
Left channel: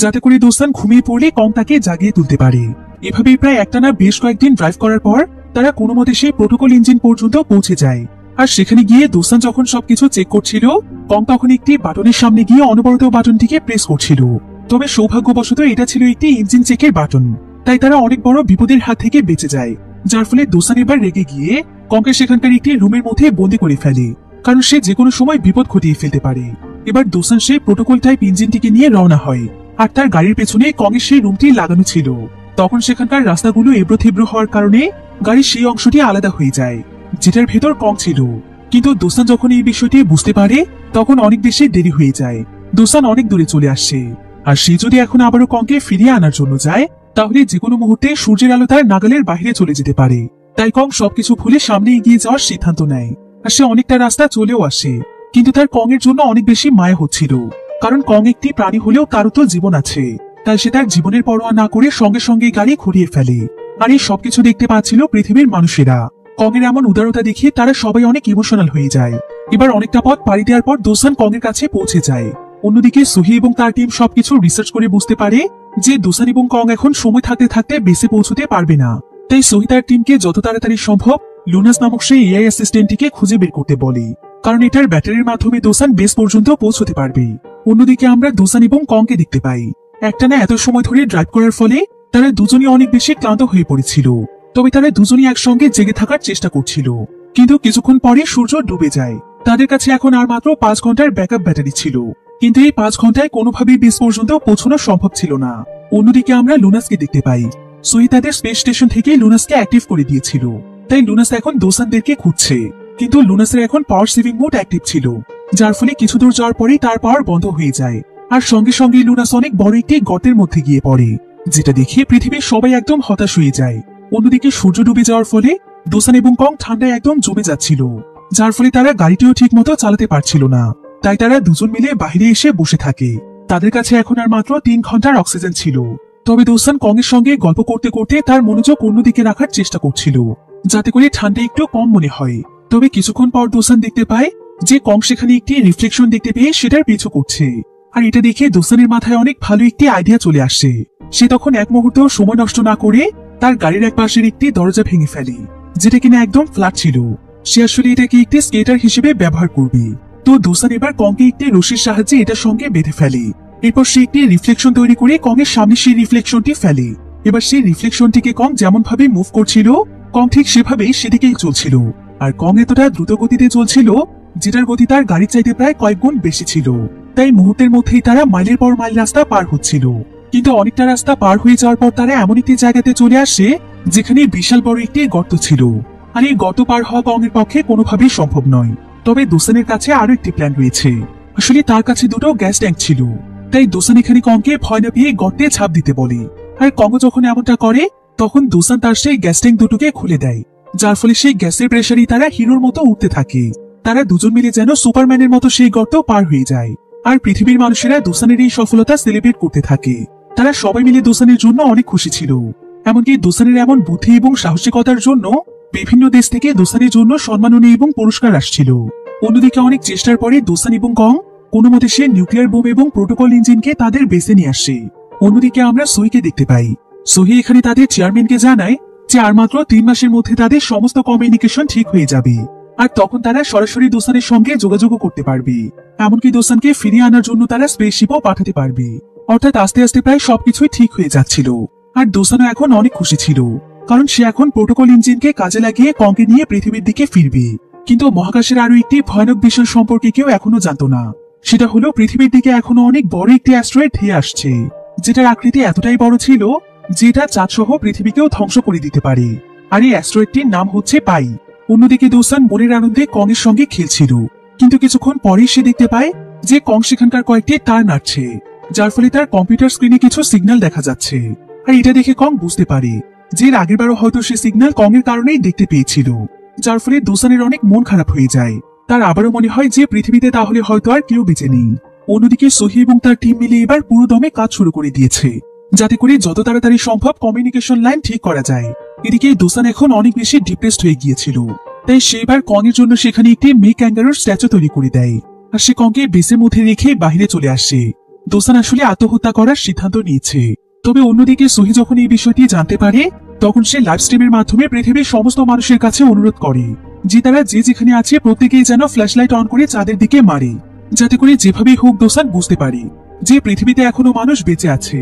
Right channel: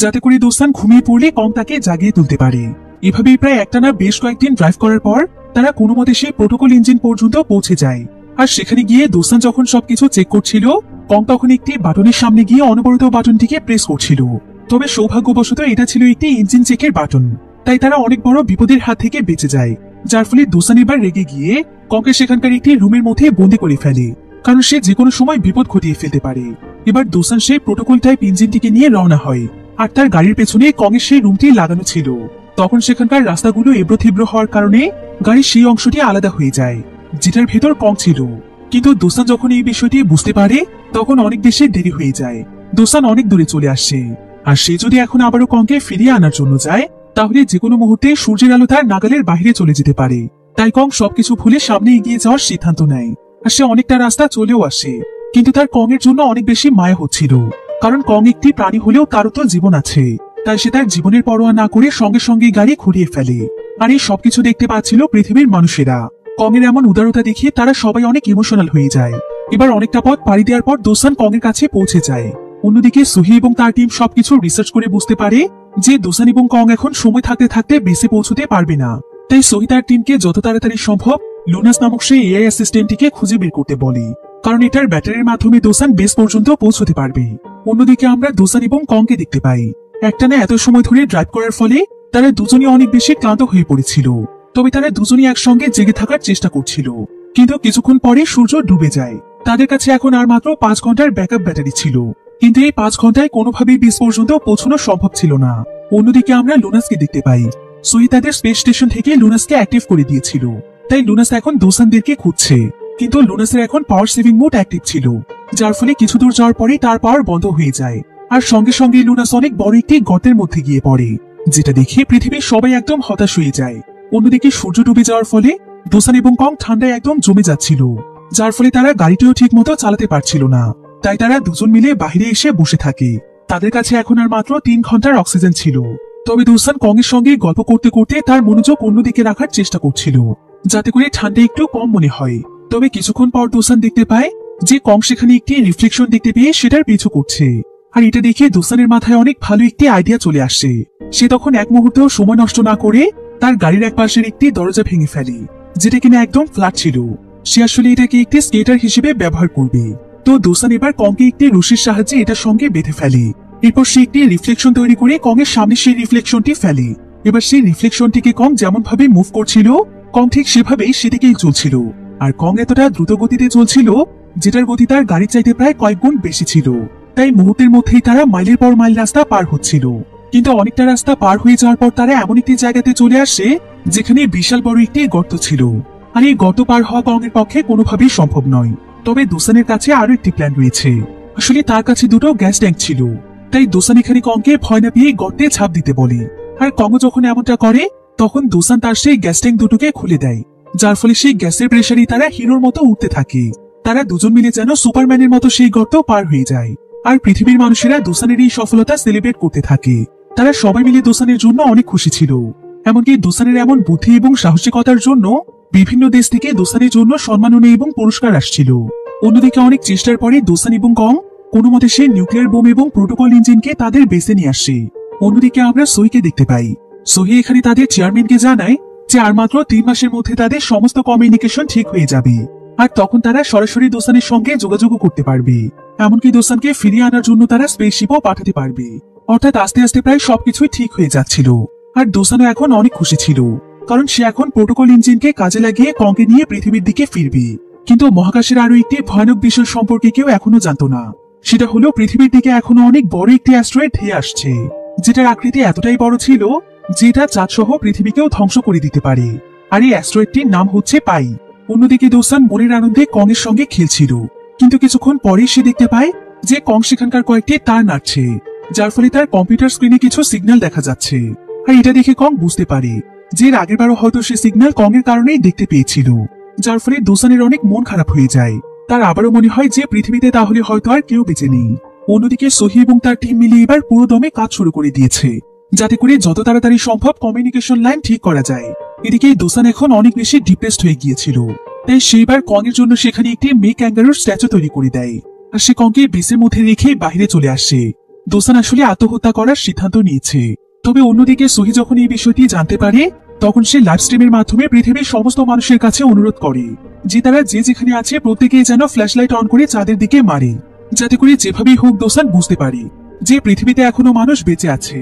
যাতে করে দোসান ঘুমিয়ে পড়লে কং তাকে জাগিয়ে তুলতে পারে। এভাবে প্রায় একটানা বেশ কয়েকদিন ড্রাইভ করার পর তারা কোনো মতে সেই প্রোটোকল ইঞ্জিন পর্যন্ত পৌঁছে যায়। আর সেখানে গিয়ে দোসান যখন সবকিছু চেক করছিল কং তখন একটি বাটনের সামনে গিয়ে অনবরত বাটনটিকে প্রেস করছিল। তবে সৌভাগ্যবশত এটা ছিল একটি ইঞ্জিন চেকের বাটন, তাই তারা অনেক বড় বিপদের হাত থেকে বেঁচে যায়, যার ফলে দোসান এবার রেগে গিয়ে কংকে সেখানকার একটি রুমের মধ্যে বন্দি করে ফেলে, কারণ সে যে কোনো সময় বিপদ ঘটিয়ে ফেলতে পারে। এবার দোসান সেই প্রোটোকল টাইপ ইঞ্জিনটিকে নিয়ে রওনা হয়, আর তার গাড়ির পেছনে কংয়ের সেই রুমটি লাগানো ছিল। তখন সেখানকার রাস্তাগুলো এবড়ো থেবড়ো হওয়ার কারণে গাড়ির সেই অংশটি আলাদা হয়ে যায় যেটার ভেতর কং ছিল। কিন্তু দোসান যখন এই বিষয়টি বুঝতে পারে তখন অনেক বেশি দেরি হয়ে যায়। দোসান অনেক দূরে চলে আসছে, আর সে যদি এখন আবারও কংকে ফিরিয়ে আনার জন্য যায় তাহলে যে কোনো মুহূর্তে সূর্যের আলো তার নাগালের বাইরে চলে যেতে পারে। তাই কং সবকিছু ভুলে সামনে এগিয়ে যাওয়ার সিদ্ধান্ত নেয়, আর সে অনেকটা রাস্তা চলেও আসে। কিন্তু তার কং এর জন্য অনেক বেশি মায়া হচ্ছিল, কারণ কং একটি প্রাণী হলেও তারও তো জীবন আছে। তাই সে তার জীবনের পরোয়া না করে সঙ্গে সঙ্গে গাড়ি ঘুরিয়ে ফেলে। আর এই সবকিছু দেখতে পাচ্ছিল পৃথিবীর মানুষেরা। কং এর এমন উদারতা দেখে তারা সবাই অনেক ইমোশনাল হয়ে যায়। এবার অনেকটা পথ পাড়ি দেওয়ার পর দোসান কং এর কাছে পৌঁছে যায়। অন্যদিকে সুহি এবং তার টিম সবকিছু রিসার্চ করে বুঝতে পারে যে দোসান এবং কং এখন সময় থাকতে থাকতে বেসে পৌঁছতে পারবে না। তাই সোহি তার টিমকে যত তাড়াতাড়ি সম্ভব লুনাস নামক সেই এআই অ্যাসিস্ট্যান্টটিকে খুঁজে বের করতে বলে, কারণ এটার ব্যাটারির মাধ্যমে দোসান বেস পর্যন্ত পৌঁছতে পারবে। অন্যদিকে আমরা দোসান এবং কংকে দেখতে পাই একটানা এত সময় ধরে ড্রাইভ করার ফলে তারা দুজনই অনেক বেশি ক্লান্ত হয়ে পড়েছিল। তবে তারা দুজনই একসঙ্গে জেগে থাকার চেষ্টা করছিল, কিন্তু কিছুক্ষণ পরে সূর্য ডুবে যায়। তাদের কাছে এখন আর মাত্র 5 ঘন্টার ব্যাকআপ ব্যাটারি ছিল, কিন্তু এই 5 ঘন্টায় কোনোভাবেই বেস পর্যন্ত পৌঁছানো সম্ভব ছিল না। অন্যদিকে আমরা লুনাসকে দেখতে পাই সুই তাদের স্পেস স্টেশন থেকে লুনাসকে অ্যাক্টিভ করে দিয়েছিল, তাই লুনাস এখন দোসানদেরকে খুঁজছে। কিন্তু লুনাসের এখন পাওয়ার সেভিং মোড অ্যাক্টিভ ছিল, যার ফলে কিছু দূর যাওয়ার পরেই তার পাওয়ার বন্ধ হয়ে যায়, আর সঙ্গে সঙ্গে লুনাস অনেক বড় একটি গর্তের মধ্যে গিয়ে পড়ে, যেটা দেখে পৃথিবীর সবাই একদম হতাশ হয়ে যায়। অন্যদিকে সূর্য ডুবে যাওয়ার ফলে দোসান এবং কং ঠান্ডায় একদম জমে যাচ্ছিল, যার ফলে তারা গাড়িটিও ঠিক মতো চালাতে পারছিল না। তাই তারা দুজন মিলে বাইরে এসে বসে থাকে। তাদের কাছে এখন আর মাত্র 3 ঘন্টার অক্সিজেন ছিল। তবে দোসান কং এর সঙ্গে গল্প করতে করতে তার মনোযোগ অন্যদিকে রাখার চেষ্টা করছিল, যাতে করে ঠান্ডা একটু কম মনে হয়। তবে কিছুক্ষণ পর দোসান দেখতে পায় যে কং সেখানে একটি রিফ্লেকশন দেখতে পেয়ে সেটার পিছু করছে, আর এটা দেখে দোসানের মাথায় অনেক ভালো একটি আইডিয়া চলে আসে। সে তখন এক মুহূর্তেও সময় নষ্ট না করে তার গাড়ির এক পাশের একটি দরজা ভেঙে ফেলে, যেটা কিনা একদম ফ্ল্যাট ছিল। সে আসলে এটাকে একটি স্কেটার হিসেবে ব্যবহার করবে। তো দোসান এবার কংকে একটি রশির সাহায্যে এটার সঙ্গে বেঁধে ফেলে। এরপর সে একটি রিফ্লেকশন তৈরি করে কংয়ের সামনে সেই রিফ্লেকশনটি ফেলে। এবার সেই রিফ্লেকশনটিকে কং যেমন ভাবে মুভ করছিল, কং ঠিক সেভাবেই সেদিকেই চলছিল। আর কং এতটা দ্রুত গতিতে চলছিল যেটার গতি তার গাড়ির চাইতে প্রায় কয়েক গুণ বেশি ছিল। তাই মুহূর্তের মধ্যেই তারা মাইলের পর মাইল রাস্তা পার হচ্ছিল। কিন্তু অনেকটা রাস্তা পার হয়ে যাওয়ার পর তারা এমন একটি জায়গাতে চলে আসে যেখানে বিশাল বড় একটি গর্ত ছিল। আর এই গর্ত পার হওয়া কং এর পক্ষে কোনোভাবেই সম্ভব নয়। তবে দোসানের কাছে আরো একটি প্ল্যান রয়েছে। আসলে তার কাছে দুটো গ্যাস ট্যাঙ্ক ছিল। তাই দোসান এখানে কংকে ভয় না পেয়ে গর্তে ঝাঁপ দিতে বলে। আর কং যখন এমনটা করে তখন দোসান তার সেই গ্যাস ট্যাঙ্ক দুটোকে খুলে দেয়, যার ফলে সেই গ্যাসের প্রেসারই তারা হিরোর মতো উঠতে থাকে। তারা দুজন মিলে যেন সুপারম্যানের মতো সেই গর্ত পার হয়ে যায়। আর পৃথিবীর মানুষেরা দোসানের এই সফলতা সেলিব্রেট করতে থাকে। তারা সবাই মিলে দোসানের জন্য অনেক খুশি ছিল। এমনকি দোসানের এমন বুদ্ধি এবং সাহসিকতার জন্য বিভিন্ন দেশ থেকে দোসানের জন্য সম্মাননা এবং পুরস্কার আসছিল। অন্যদিকে অনেক চেষ্টার পরে দোসান এবং কং কোনো মতে সে নিউক্লিয়ার বোম এবং প্রোটোকল ইঞ্জিনকে তাদের বেসে নিয়ে আসে। অন্যদিকে আমরা সোহিকে দেখতে পাই। সোহি এখানে তাদের চেয়ারম্যানকে জানায় যে আর মাত্র 3 মাসের মধ্যে তাদের সমস্ত কমিউনিকেশন ঠিক হয়ে যাবে। আর তখন তারা সরাসরি দোসানের সঙ্গে যোগাযোগ করতে পারবে। এমনকি দোসানকে ফিরিয়ে আনার জন্য তারা স্পেসশিপও পাঠাতে পারবে। অর্থাৎ আস্তে আস্তে প্রায় সবকিছুই ঠিক হয়ে যাচ্ছিল। আর দোসানও এখন অনেক খুশি ছিল, কারণ সে এখন প্রোটোকল ইঞ্জিনকে কাজে লাগিয়ে কংকে নিয়ে পৃথিবীর দিকে ফিরবে। কিন্তু মহাকাশের আরো একটি ভয়ানক বিষয় সম্পর্কে কেউ এখনো জানতো না। সেটা হলো পৃথিবীর দিকে এখনো অনেক বড় একটি অ্যাস্ট্রয়েড ধেয়ে আসছে, যেটার আকৃতি এতটাই বড় ছিল যেটা চাঁদ সহ পৃথিবীকেও ধ্বংস করে দিতে পারে। আর এই অ্যাস্ট্রয়েডটির নাম হচ্ছে পাই। অন্যদিকে দোসান মনের আনন্দে কং এর সঙ্গে খেলছিল, কিন্তু কিছুক্ষণ পরেই সে দেখতে পায় যে কং সেখানকার কয়েকটি তার নাড়ছে, যার ফলে তার কম্পিউটার স্ক্রিনে কিছু সিগন্যাল দেখা যাচ্ছে। আর এটা দেখে কং বুঝতে পারে যে এর আগের বারও হয়তো সে সিগন্যাল কং এর কারণেই দেখতে পেয়েছিল, যার ফলে দোসানের অনেক মন খারাপ হয়ে যায়। তার আবারও মনে হয় যে পৃথিবীতে তাহলে হয়তো আর কেউ বেঁচে নেই। অন্যদিকে সোহি এবং তার টিম মিলে এবার পুরো দমে কাজ শুরু করে দিয়েছে, যাতে করে যত তাড়াতাড়ি সম্ভব কমিউনিকেশন লাইন ঠিক করা যায়। এদিকে দোসান এখন অনেক বেশি ডিপ্রেসড হয়ে গিয়েছিল, তাই সেইবার কং এর জন্য সেখানে একটি মেয়ে ক্যাঙ্গারুর স্ট্যাচু তৈরি করে দেয়। আর সে কংকে বেসের মধ্যে রেখে বাইরে চলে আসে। দোসান আসলে আত্মহত্যা করার সিদ্ধান্ত নিয়েছে। তবে অন্যদিকে সোহি যখন এই বিষয়টি জানতে পারে তখন সে লাইভ স্ট্রিমের মাধ্যমে পৃথিবীর সমস্ত মানুষের কাছে অনুরোধ করে যে তারা যে যেখানে আছে প্রত্যেকেই যেন ফ্ল্যাশলাইট অন করে চাঁদের দিকে মারে, যাতে করে যেভাবেই হোক দোসান বুঝতে পারে যে পৃথিবীতে এখনো মানুষ বেঁচে আছে।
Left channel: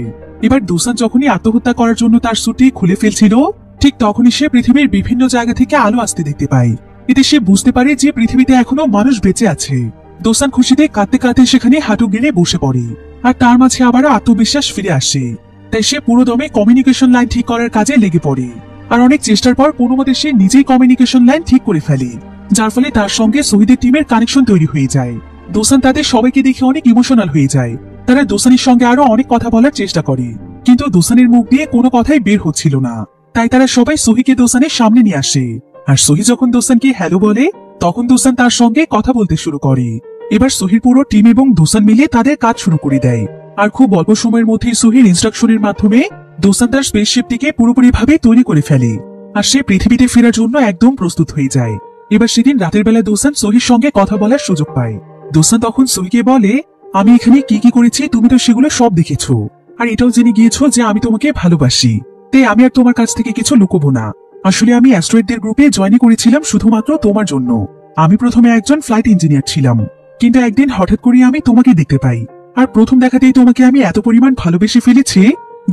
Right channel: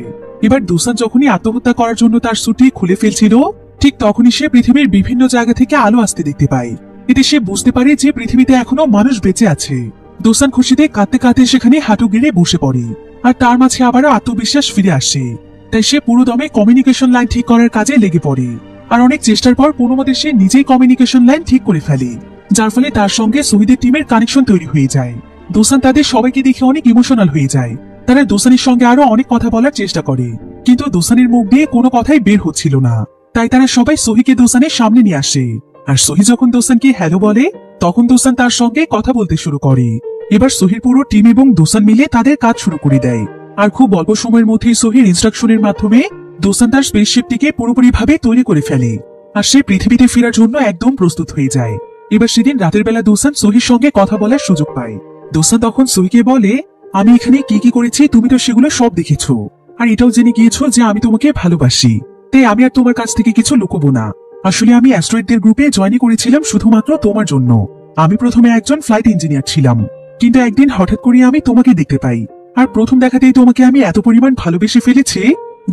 এবার দোসান যখনই আত্মহত্যা করার জন্য তার স্যুটটি খুলে ফেলছিল, ঠিক তখনই সে পৃথিবীর বিভিন্ন জায়গা থেকে আলো আসতে দেখতে পায়। এতে সে বুঝতে পারে যে পৃথিবীতে এখনো মানুষ বেঁচে আছে। দোসান খুশিতে কাঁদতে কাঁদতে সেখানে হাঁটু গেড়ে বসে পড়ে। আর তার মাঝে আবারও আত্মবিশ্বাস ফিরে আসে। তাই সে পুরো দমে কমিউনিকেশন লাইন ঠিক করার কাজে লেগে পড়ে। আর অনেক চেষ্টার পর কোনোমতে সে নিজেই কমিউনিকেশন লাইন ঠিক করে ফেলে, যার ফলে তার সঙ্গে শহীদের টিমের কানেকশন তৈরি হয়ে যায়। দোসান তাদের সবাইকে দেখে অনেক ইমোশনাল হয়ে যায়। তারা দোসানের সঙ্গে আরো অনেক কথা বলার চেষ্টা করে, কিন্তু দোসানের মুখ দিয়ে কোনো কথাই বের হচ্ছিল না। তাই তারা সবাই সোহিকে দোসানের সামনে নিয়ে আসে। আর সোহি যখন দোসানকে হ্যালো বলে তখন দোসান তার সঙ্গে কথা বলতে শুরু করে। এবার সোহির পুরো টিম এবং দোসান মিলে তাদের কাজ শুরু করে দেয়। আর খুব অল্প সময়ের মধ্যেই সোহির ইনস্ট্রাকশনের মাধ্যমে দোসান তার স্পেসশিপটিকে পুরোপুরি ভাবে তৈরি করে ফেলে। আর সে পৃথিবীতে ফেরার জন্য একদম প্রস্তুত হয়ে যায়। এবার সেদিন রাতের বেলা দোসান সোহির সঙ্গে কথা বলার সুযোগ পায়। দোসান তখন সোহিকে বলে, আমি এখানে কি কি করেছি তুমি তো সেগুলো সব দেখেছো, আর এটাও জেনে গিয়েছো যে আমি তোমাকে ভালোবাসি। তাই আমি আর তোমার কাছ থেকে কিছু লুকোবো না। আসলে আমি অ্যাস্ট্রয়েডদের গ্রুপে জয়েন করেছিলাম শুধুমাত্র তোমার জন্য। আমি প্রথমে একজন ফ্লাইট ইঞ্জিনিয়ার ছিলাম, কিন্তু একদিন হঠাৎ করে আমি তোমাকে দেখতে পাই। আর প্রথম দেখাতেই তোমাকে আমি এত পরিমাণ ভালোবেসে ফেলেছি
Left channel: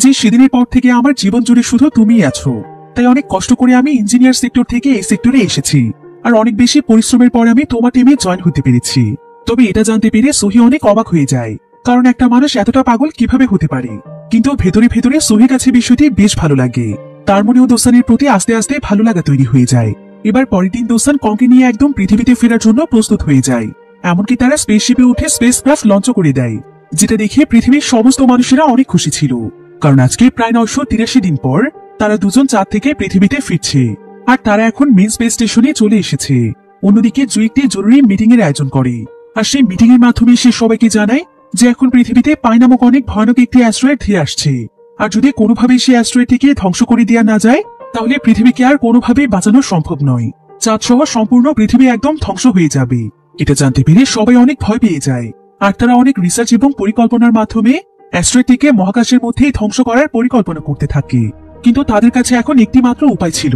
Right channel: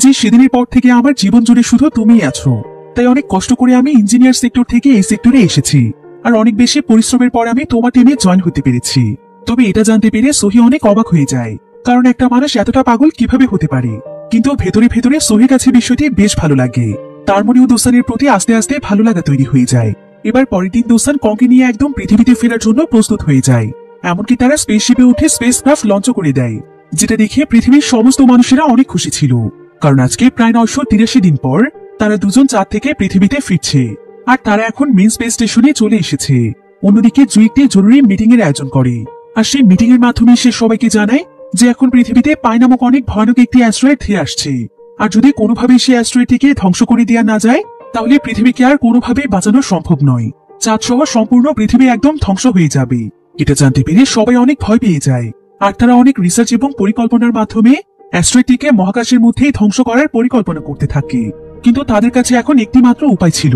যে সেদিনের পর থেকে আমার জীবন জুড়ে শুধু তুমিই আছো। তাই অনেক কষ্ট করে আমি ইঞ্জিনিয়ার সেক্টর থেকে এই সেক্টরে এসেছি। আর অনেক বেশি পরিশ্রমের পর আমি তোমার টিমে জয়েন হতে পেরেছি। তবে এটা জানতে পেরে সোহি অনেক অবাক হয়ে যায়, কারণ একটা মানুষ এতটা পাগল কিভাবে হতে পারে। কিন্তু ভেতরে ভেতরে সোহির কাছে বিষয়টি বেশ ভালো লাগে। তার মনেও দোসানের প্রতি আস্তে আস্তে ভালো লাগা তৈরি হয়ে যায়। এবার পরের দিন দোসান কংকে নিয়ে একদম পৃথিবীতে ফেরার জন্য প্রস্তুত হয়ে যায়। এমনকি তারা স্পেসশিপে উঠে স্পেসক্রাফট লঞ্চ করে দেয়, যেটা দেখে পৃথিবীর সমস্ত মানুষেরা অনেক খুশি ছিল। কারণ আজকে প্রায় 983 দিন পর তারা দুজন চাঁদ থেকে পৃথিবীতে ফিরছে। আর তারা এখন মেন স্পেস স্টেশনে চলে এসেছে। অন্যদিকে জুই একটি জরুরি মিটিং এর আয়োজন করে। আর সেই মিটিং এর মাধ্যমে সে সবাইকে জানায় যে এখন পৃথিবীতে পাই নামক অনেক ভয়ানক একটি অ্যাস্ট্রয়েড ধেয়ে আসছে। আর যদি কোনোভাবে সেই অ্যাস্ট্রয়েডটিকে ধ্বংস করে দেওয়া না যায় তাহলে পৃথিবীকে আর কোনোভাবে বাঁচানো সম্ভব নয়। চাঁদ সহ সম্পূর্ণ পৃথিবী একদম ধ্বংস হয়ে যাবে। এটা জানতে পেরে সবাই অনেক ভয় পেয়ে যায়। আর তারা অনেক রিসার্চ এবং পরিকল্পনার মাধ্যমে অ্যাস্ট্রয়েডটিকে মহাকাশের মধ্যেই ধ্বংস করার পরিকল্পনা করতে থাকে। কিন্তু তাদের কাছে এখন একটি মাত্র উপায় ছিল,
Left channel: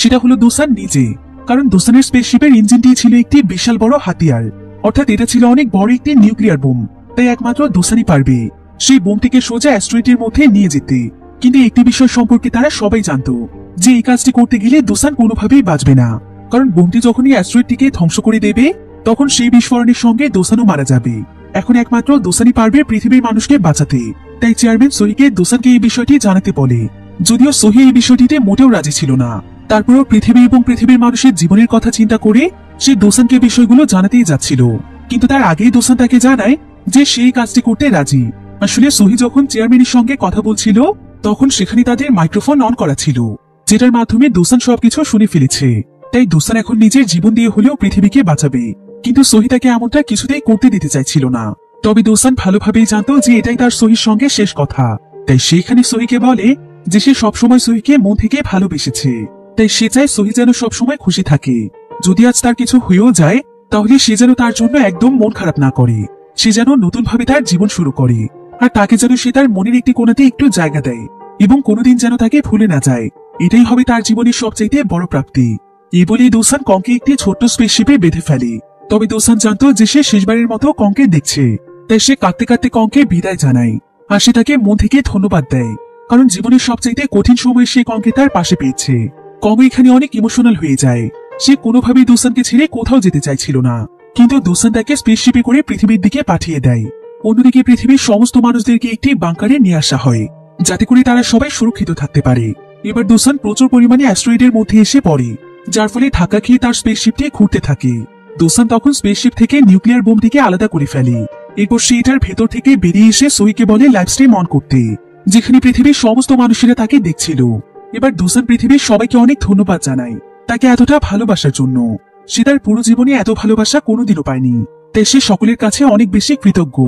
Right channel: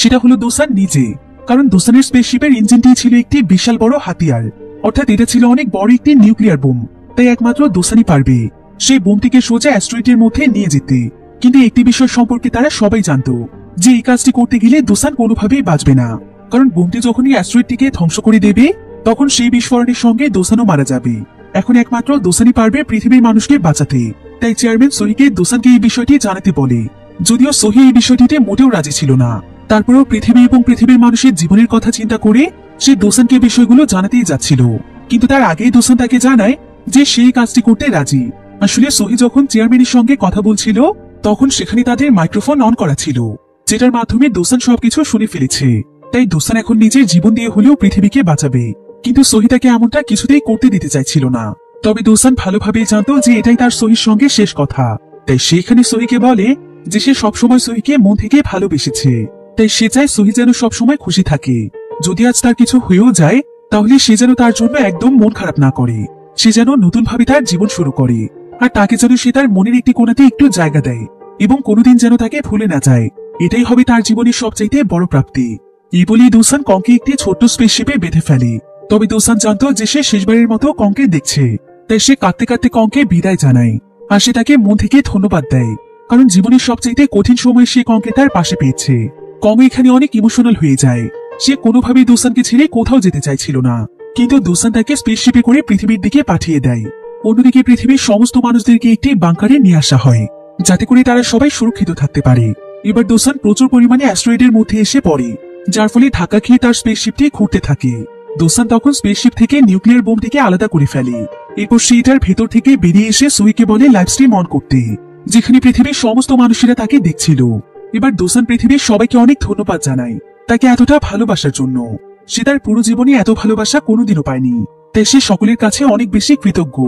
সেটা হলো দুসান নিজে। কারণ দুসানের স্পেসশিপের ইঞ্জিনটি ছিল একটি বিশাল বড় হাতিয়ার, অর্থাৎ এটা ছিল অনেক বড় একটি নিউক্লিয়ার বোম। তাই একমাত্র দুসানই পারবে সেই বোমটিকে সোজা অ্যাস্ট্রয়েডের মধ্যে নিয়ে যেতে। কিন্তু একটি বিষয় সম্পর্কে তারা সবাই জানতো, যে এই কাজটি করতে গেলে দুসান কোনোভাবেই বাঁচবে না। কারণ বোমটি যখনই অ্যাস্ট্রয়েডটিকে ধ্বংস করে দেবে, তখন সেই বিস্ফোরণের সঙ্গে দুসানও মারা যাবে। এখন একমাত্র দুসানই পারবে পৃথিবীর মানুষকে বাঁচাতে। তাই চেয়ারম্যান সোহিকে দুসানকে এই বিষয়টি জানাতে বলে। যদিও সোহি এই বিষয়টিতে মোটেও রাজি ছিল না, তারপরেও পৃথিবী এবং পৃথিবীর মানুষের জীবনের কথা চিন্তা করে সে দুসানকে বিষয়গুলো জানাতেই যাচ্ছিল। কিন্তু তার আগেই দুসান তাকে জানায় যে সেই কাজটি করতে রাজি। আসলে সোহি যখন চেয়ারম্যানের সঙ্গে কথা বলছিল, তখন সেখানে তাদের মাইক্রোফোন অন করা ছিল, যেটার মাধ্যমে দুসান সবকিছু শুনে ফেলেছে। তাই দুসান এখন নিজের জীবন দিয়ে হলেও পৃথিবীকে বাঁচাবে। কিন্তু সোহি তাকে এমনটা কিছুতেই করতে দিতে চাইছিল না। তবে দুসান ভালোভাবেই জানতো যে এটাই তার সোহির সঙ্গে শেষ কথা। তাই সেখানে সোহিকে বলে যে সে সবসময় সোহিকে মন থেকে ভালোবেসেছে। তাই সে চায় সোহি যেন সবসময় খুশি থাকে। যদি আজ তার কিছু হয়েও যায়, তাহলে সে যেন তার জন্য একদম মন খারাপ না করে। সে যেন নতুন ভাবে তার জীবন শুরু করে, আর তাকে যেন সে তার মনের একটি কোণাতে একটু জায়গা দেয় এবং কোনোদিন যেন তাকে ভুলে না যায়। এটাই হবে তার জীবনের সবচাইতে বড় প্রাপ্তি। এই বলে দুসান কংকে একটি ছোট্ট স্পেসশিপে বেঁধে ফেলে। তবে দুসান জানতো যে সে শেষবারের মতো কংকে দেখছে। তাই সে কাঁদতে কাঁদতে কংকে বিদায় জানায়, আর সে তাকে মন থেকে ধন্যবাদ দেয়। কারণ জীবনের সবচাইতে কঠিন সময়ে সে কংকে তার পাশে পেয়েছে। কং এখানে অনেক ইমোশনাল হয়ে যায়। সে কোনোভাবেই দুসানকে ছেড়ে কোথাও যেতে চাইছিল না, কিন্তু দুসান তাকে স্পেসশিপে করে পৃথিবীর দিকে পাঠিয়ে দেয়। অন্যদিকে পৃথিবীর সমস্ত মানুষদেরকে একটি বাংকারে নিয়ে আসা হয়, যাতে করে তারা সবাই সুরক্ষিত থাকতে পারে। এবার দুসান প্রচুর পরিমাণে অ্যাস্ট্রয়েডের মধ্যে এসে পড়ে, যার ফলে ধাক্কা খেয়ে তার স্পেসশিপটি ঘুরতে থাকে। দুসান তখন স্পেসশিপ থেকে নিউক্লিয়ার বোমটিকে আলাদা করে ফেলে। এরপর সে এটার ভেতর থেকে বেরিয়ে এসে সোহিকে বলে লাইভ স্ট্রিম অন করতে, যেখানে পৃথিবীর সমস্ত মানুষেরা তাকে দেখছিল। এবার দুসান পৃথিবীর সবাইকে অনেক ধন্যবাদ জানায় তাকে এতটা ভালোবাসার জন্য। সে তার পুরো জীবনে এত ভালোবাসা কোনোদিনও পায়নি, তাই সে সকলের কাছে অনেক বেশি কৃতজ্ঞ।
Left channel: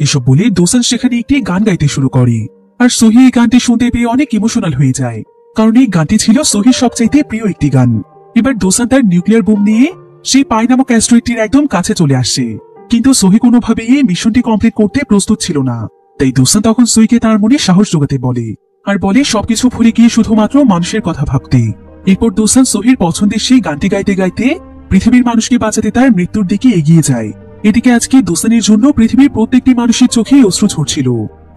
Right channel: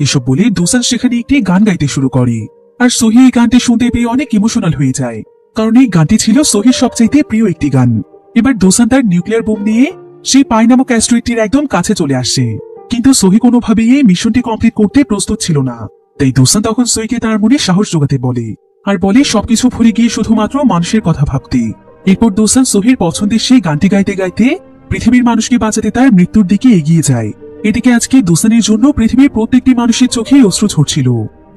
এসব বলে দুসান সেখানে একটি গান গাইতে শুরু করে, আর সোহি এই গানটি শুনতে পেয়ে অনেক ইমোশনাল হয়ে যায়, কারণ এই গানটি ছিল সোহির সবচেয়ে প্রিয় একটি গান। এবার দুসান তার নিউক্লিয়ার বোম নিয়ে সেই পাই নামক অ্যাস্ট্রয়েডটির একদম কাছে চলে আসে। কিন্তু সোহি কোনোভাবেই এই মিশনটি কমপ্লিট করতে প্রস্তুত ছিল না। তাই দুসান তখন সোহিকে তার মনে সাহস যোগাতে বলে, আর বলে সবকিছু ভুলে গিয়ে শুধুমাত্র মানুষের কথা ভাবতে। এরপর দুসান সোহির পছন্দের সেই গানটি গাইতে গাইতে পৃথিবীর মানুষকে বাঁচাতে তার মৃত্যুর দিকে এগিয়ে যায়। এদিকে আজকে দুসানের জন্য পৃথিবীর প্রত্যেকটি মানুষের চোখে অশ্রু ঝরছিল।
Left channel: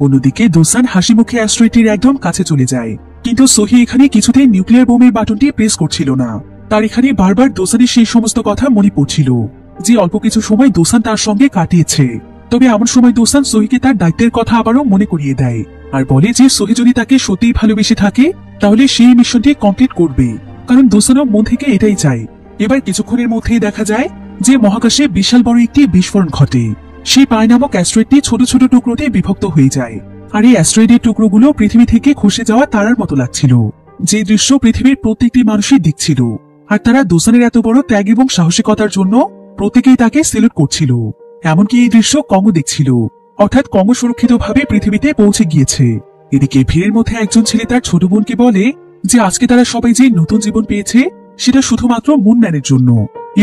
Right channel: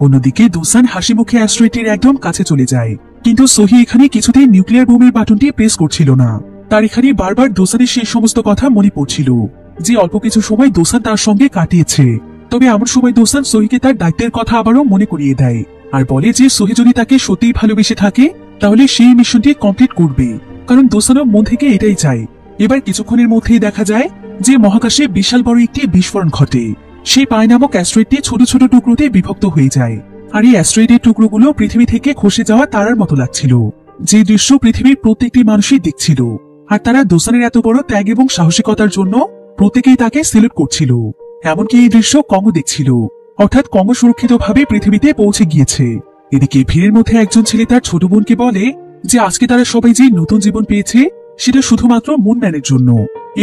অন্যদিকে দুসান হাসি মুখে অ্যাস্ট্রয়েডটির একদম কাছে চলে যায়। কিন্তু সোহি এখানে কিছুতেই নিউক্লিয়ার বোমের বাটনটি প্রেস করছিল না। তার এখানে বারবার দুসানের সেই সমস্ত কথা মনে পড়ছিল, যে অল্প কিছু সময় দুসান তার সঙ্গে কাটিয়েছে। তবে এমন সময় দুসান সোহিকে তার দায়িত্বের কথা আবারও মনে করিয়ে দেয়, আর বলে যে সোহি যদি তাকে সত্যিই ভালোবেসে থাকে, তাহলে সেই মিশনটি কমপ্লিট করবে। কারণ দুসানও মন থেকে এটাই চায়। এবার কিছুক্ষণের মধ্যেই দেখা যায় যে মহাকাশে বিশাল বড় একটি বিস্ফোরণ ঘটে। সেই পাই নামক অ্যাস্ট্রয়েডটি ছোট ছোট টুকরোতে বিভক্ত হয়ে যায়, আর এই অ্যাস্ট্রয়েডের টুকরোগুলো পৃথিবী থেকে খসে যাওয়া তারার মতো লাগছিল। যে দৃশ্য পৃথিবীর প্রত্যেকটি মানুষই দেখছিল, আর তারা দুসানের এত বড় ত্যাগ এবং সাহসিকতার জন্য প্রত্যেকেই তাকে সেলুট করছিল। এমনকি এই দৃশ্য কংও দেখছিল, অর্থাৎ কং সুরক্ষিতভাবে পৃথিবীতে পৌঁছে গিয়েছে। এদিকে ভিড়ের মধ্যে একজন ছেলে তার ছোট বোনকে বলে যে আজকে তারা সবাই যে নতুন জীবন পেয়েছে, সেটা শুধুমাত্র মুনম্যানের জন্য।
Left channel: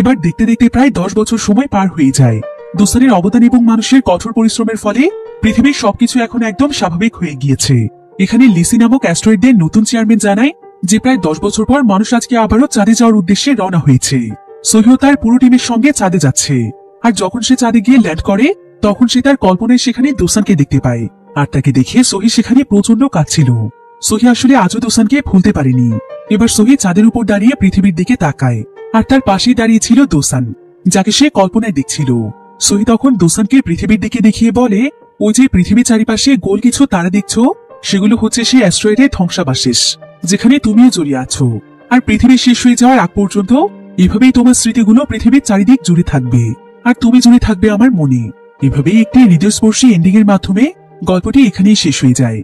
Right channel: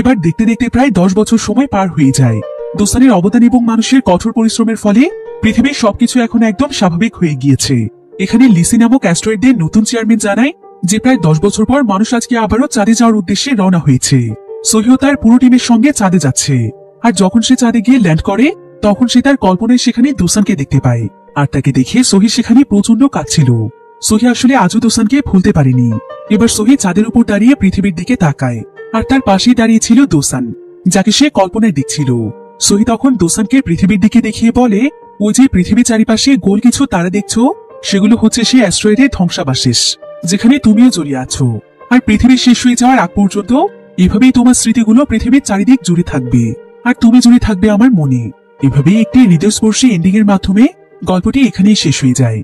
এবার দেখতে দেখতে প্রায় 10 বছর সময় পার হয়ে যায়। দুসানের অবদান এবং মানুষের কঠোর পরিশ্রমের ফলে পৃথিবীর সবকিছু এখন একদম স্বাভাবিক হয়ে গিয়েছে। এখানে লিসি নামক অ্যাস্ট্রয়েডের নতুন চেয়ারম্যান জানায় যে প্রায় 10 বছর পর মানুষ আজকে আবারও চাঁদে যাওয়ার উদ্দেশ্যে রওনা হয়েছে। সোহিও তার পুরো টিমের সঙ্গে চাঁদে যাচ্ছে, আর যখন সে চাঁদে গিয়ে ল্যান্ড করে, তখন সে তার কল্পনায় সেখানে দুসানকে দেখতে পায়। আর তাকে দেখে সোহি সেখানে প্রচন্ড কাঁদছিল। সোহি আসলে আজও দুসানকে ভুলতে পারেনি। এবার সোহি চাঁদের উপর দাঁড়িয়ে পৃথিবীর দিকে তাকায়, আর তার পাশেই দাঁড়িয়ে ছিল দুসান, যাকে সে কল্পনায় দেখছিল। সোহি তখন দুসানকে পৃথিবীর দিকে দেখিয়ে বলে, ওই যে পৃথিবীর চারিপাশে গোল কিছু তারা দেখছো, সেগুলো হচ্ছে সে অ্যাস্ট্রয়েডের ধ্বংসাবশেষ, যেখানে তুমিও জড়িয়ে আছো। আর পৃথিবী শেষ হয়ে যাওয়ার আগ পর্যন্ত এভাবেই তোমার স্মৃতিগুলো পৃথিবীর চারিদিক জুড়ে থাকবে, আর তুমি জুড়ে থাকবে আমার মনে। এভাবেই একটি হৃদয়স্পর্শী এন্ডিং এর মাধ্যমে গল্পটি এখানেই শেষ হয়ে যায়।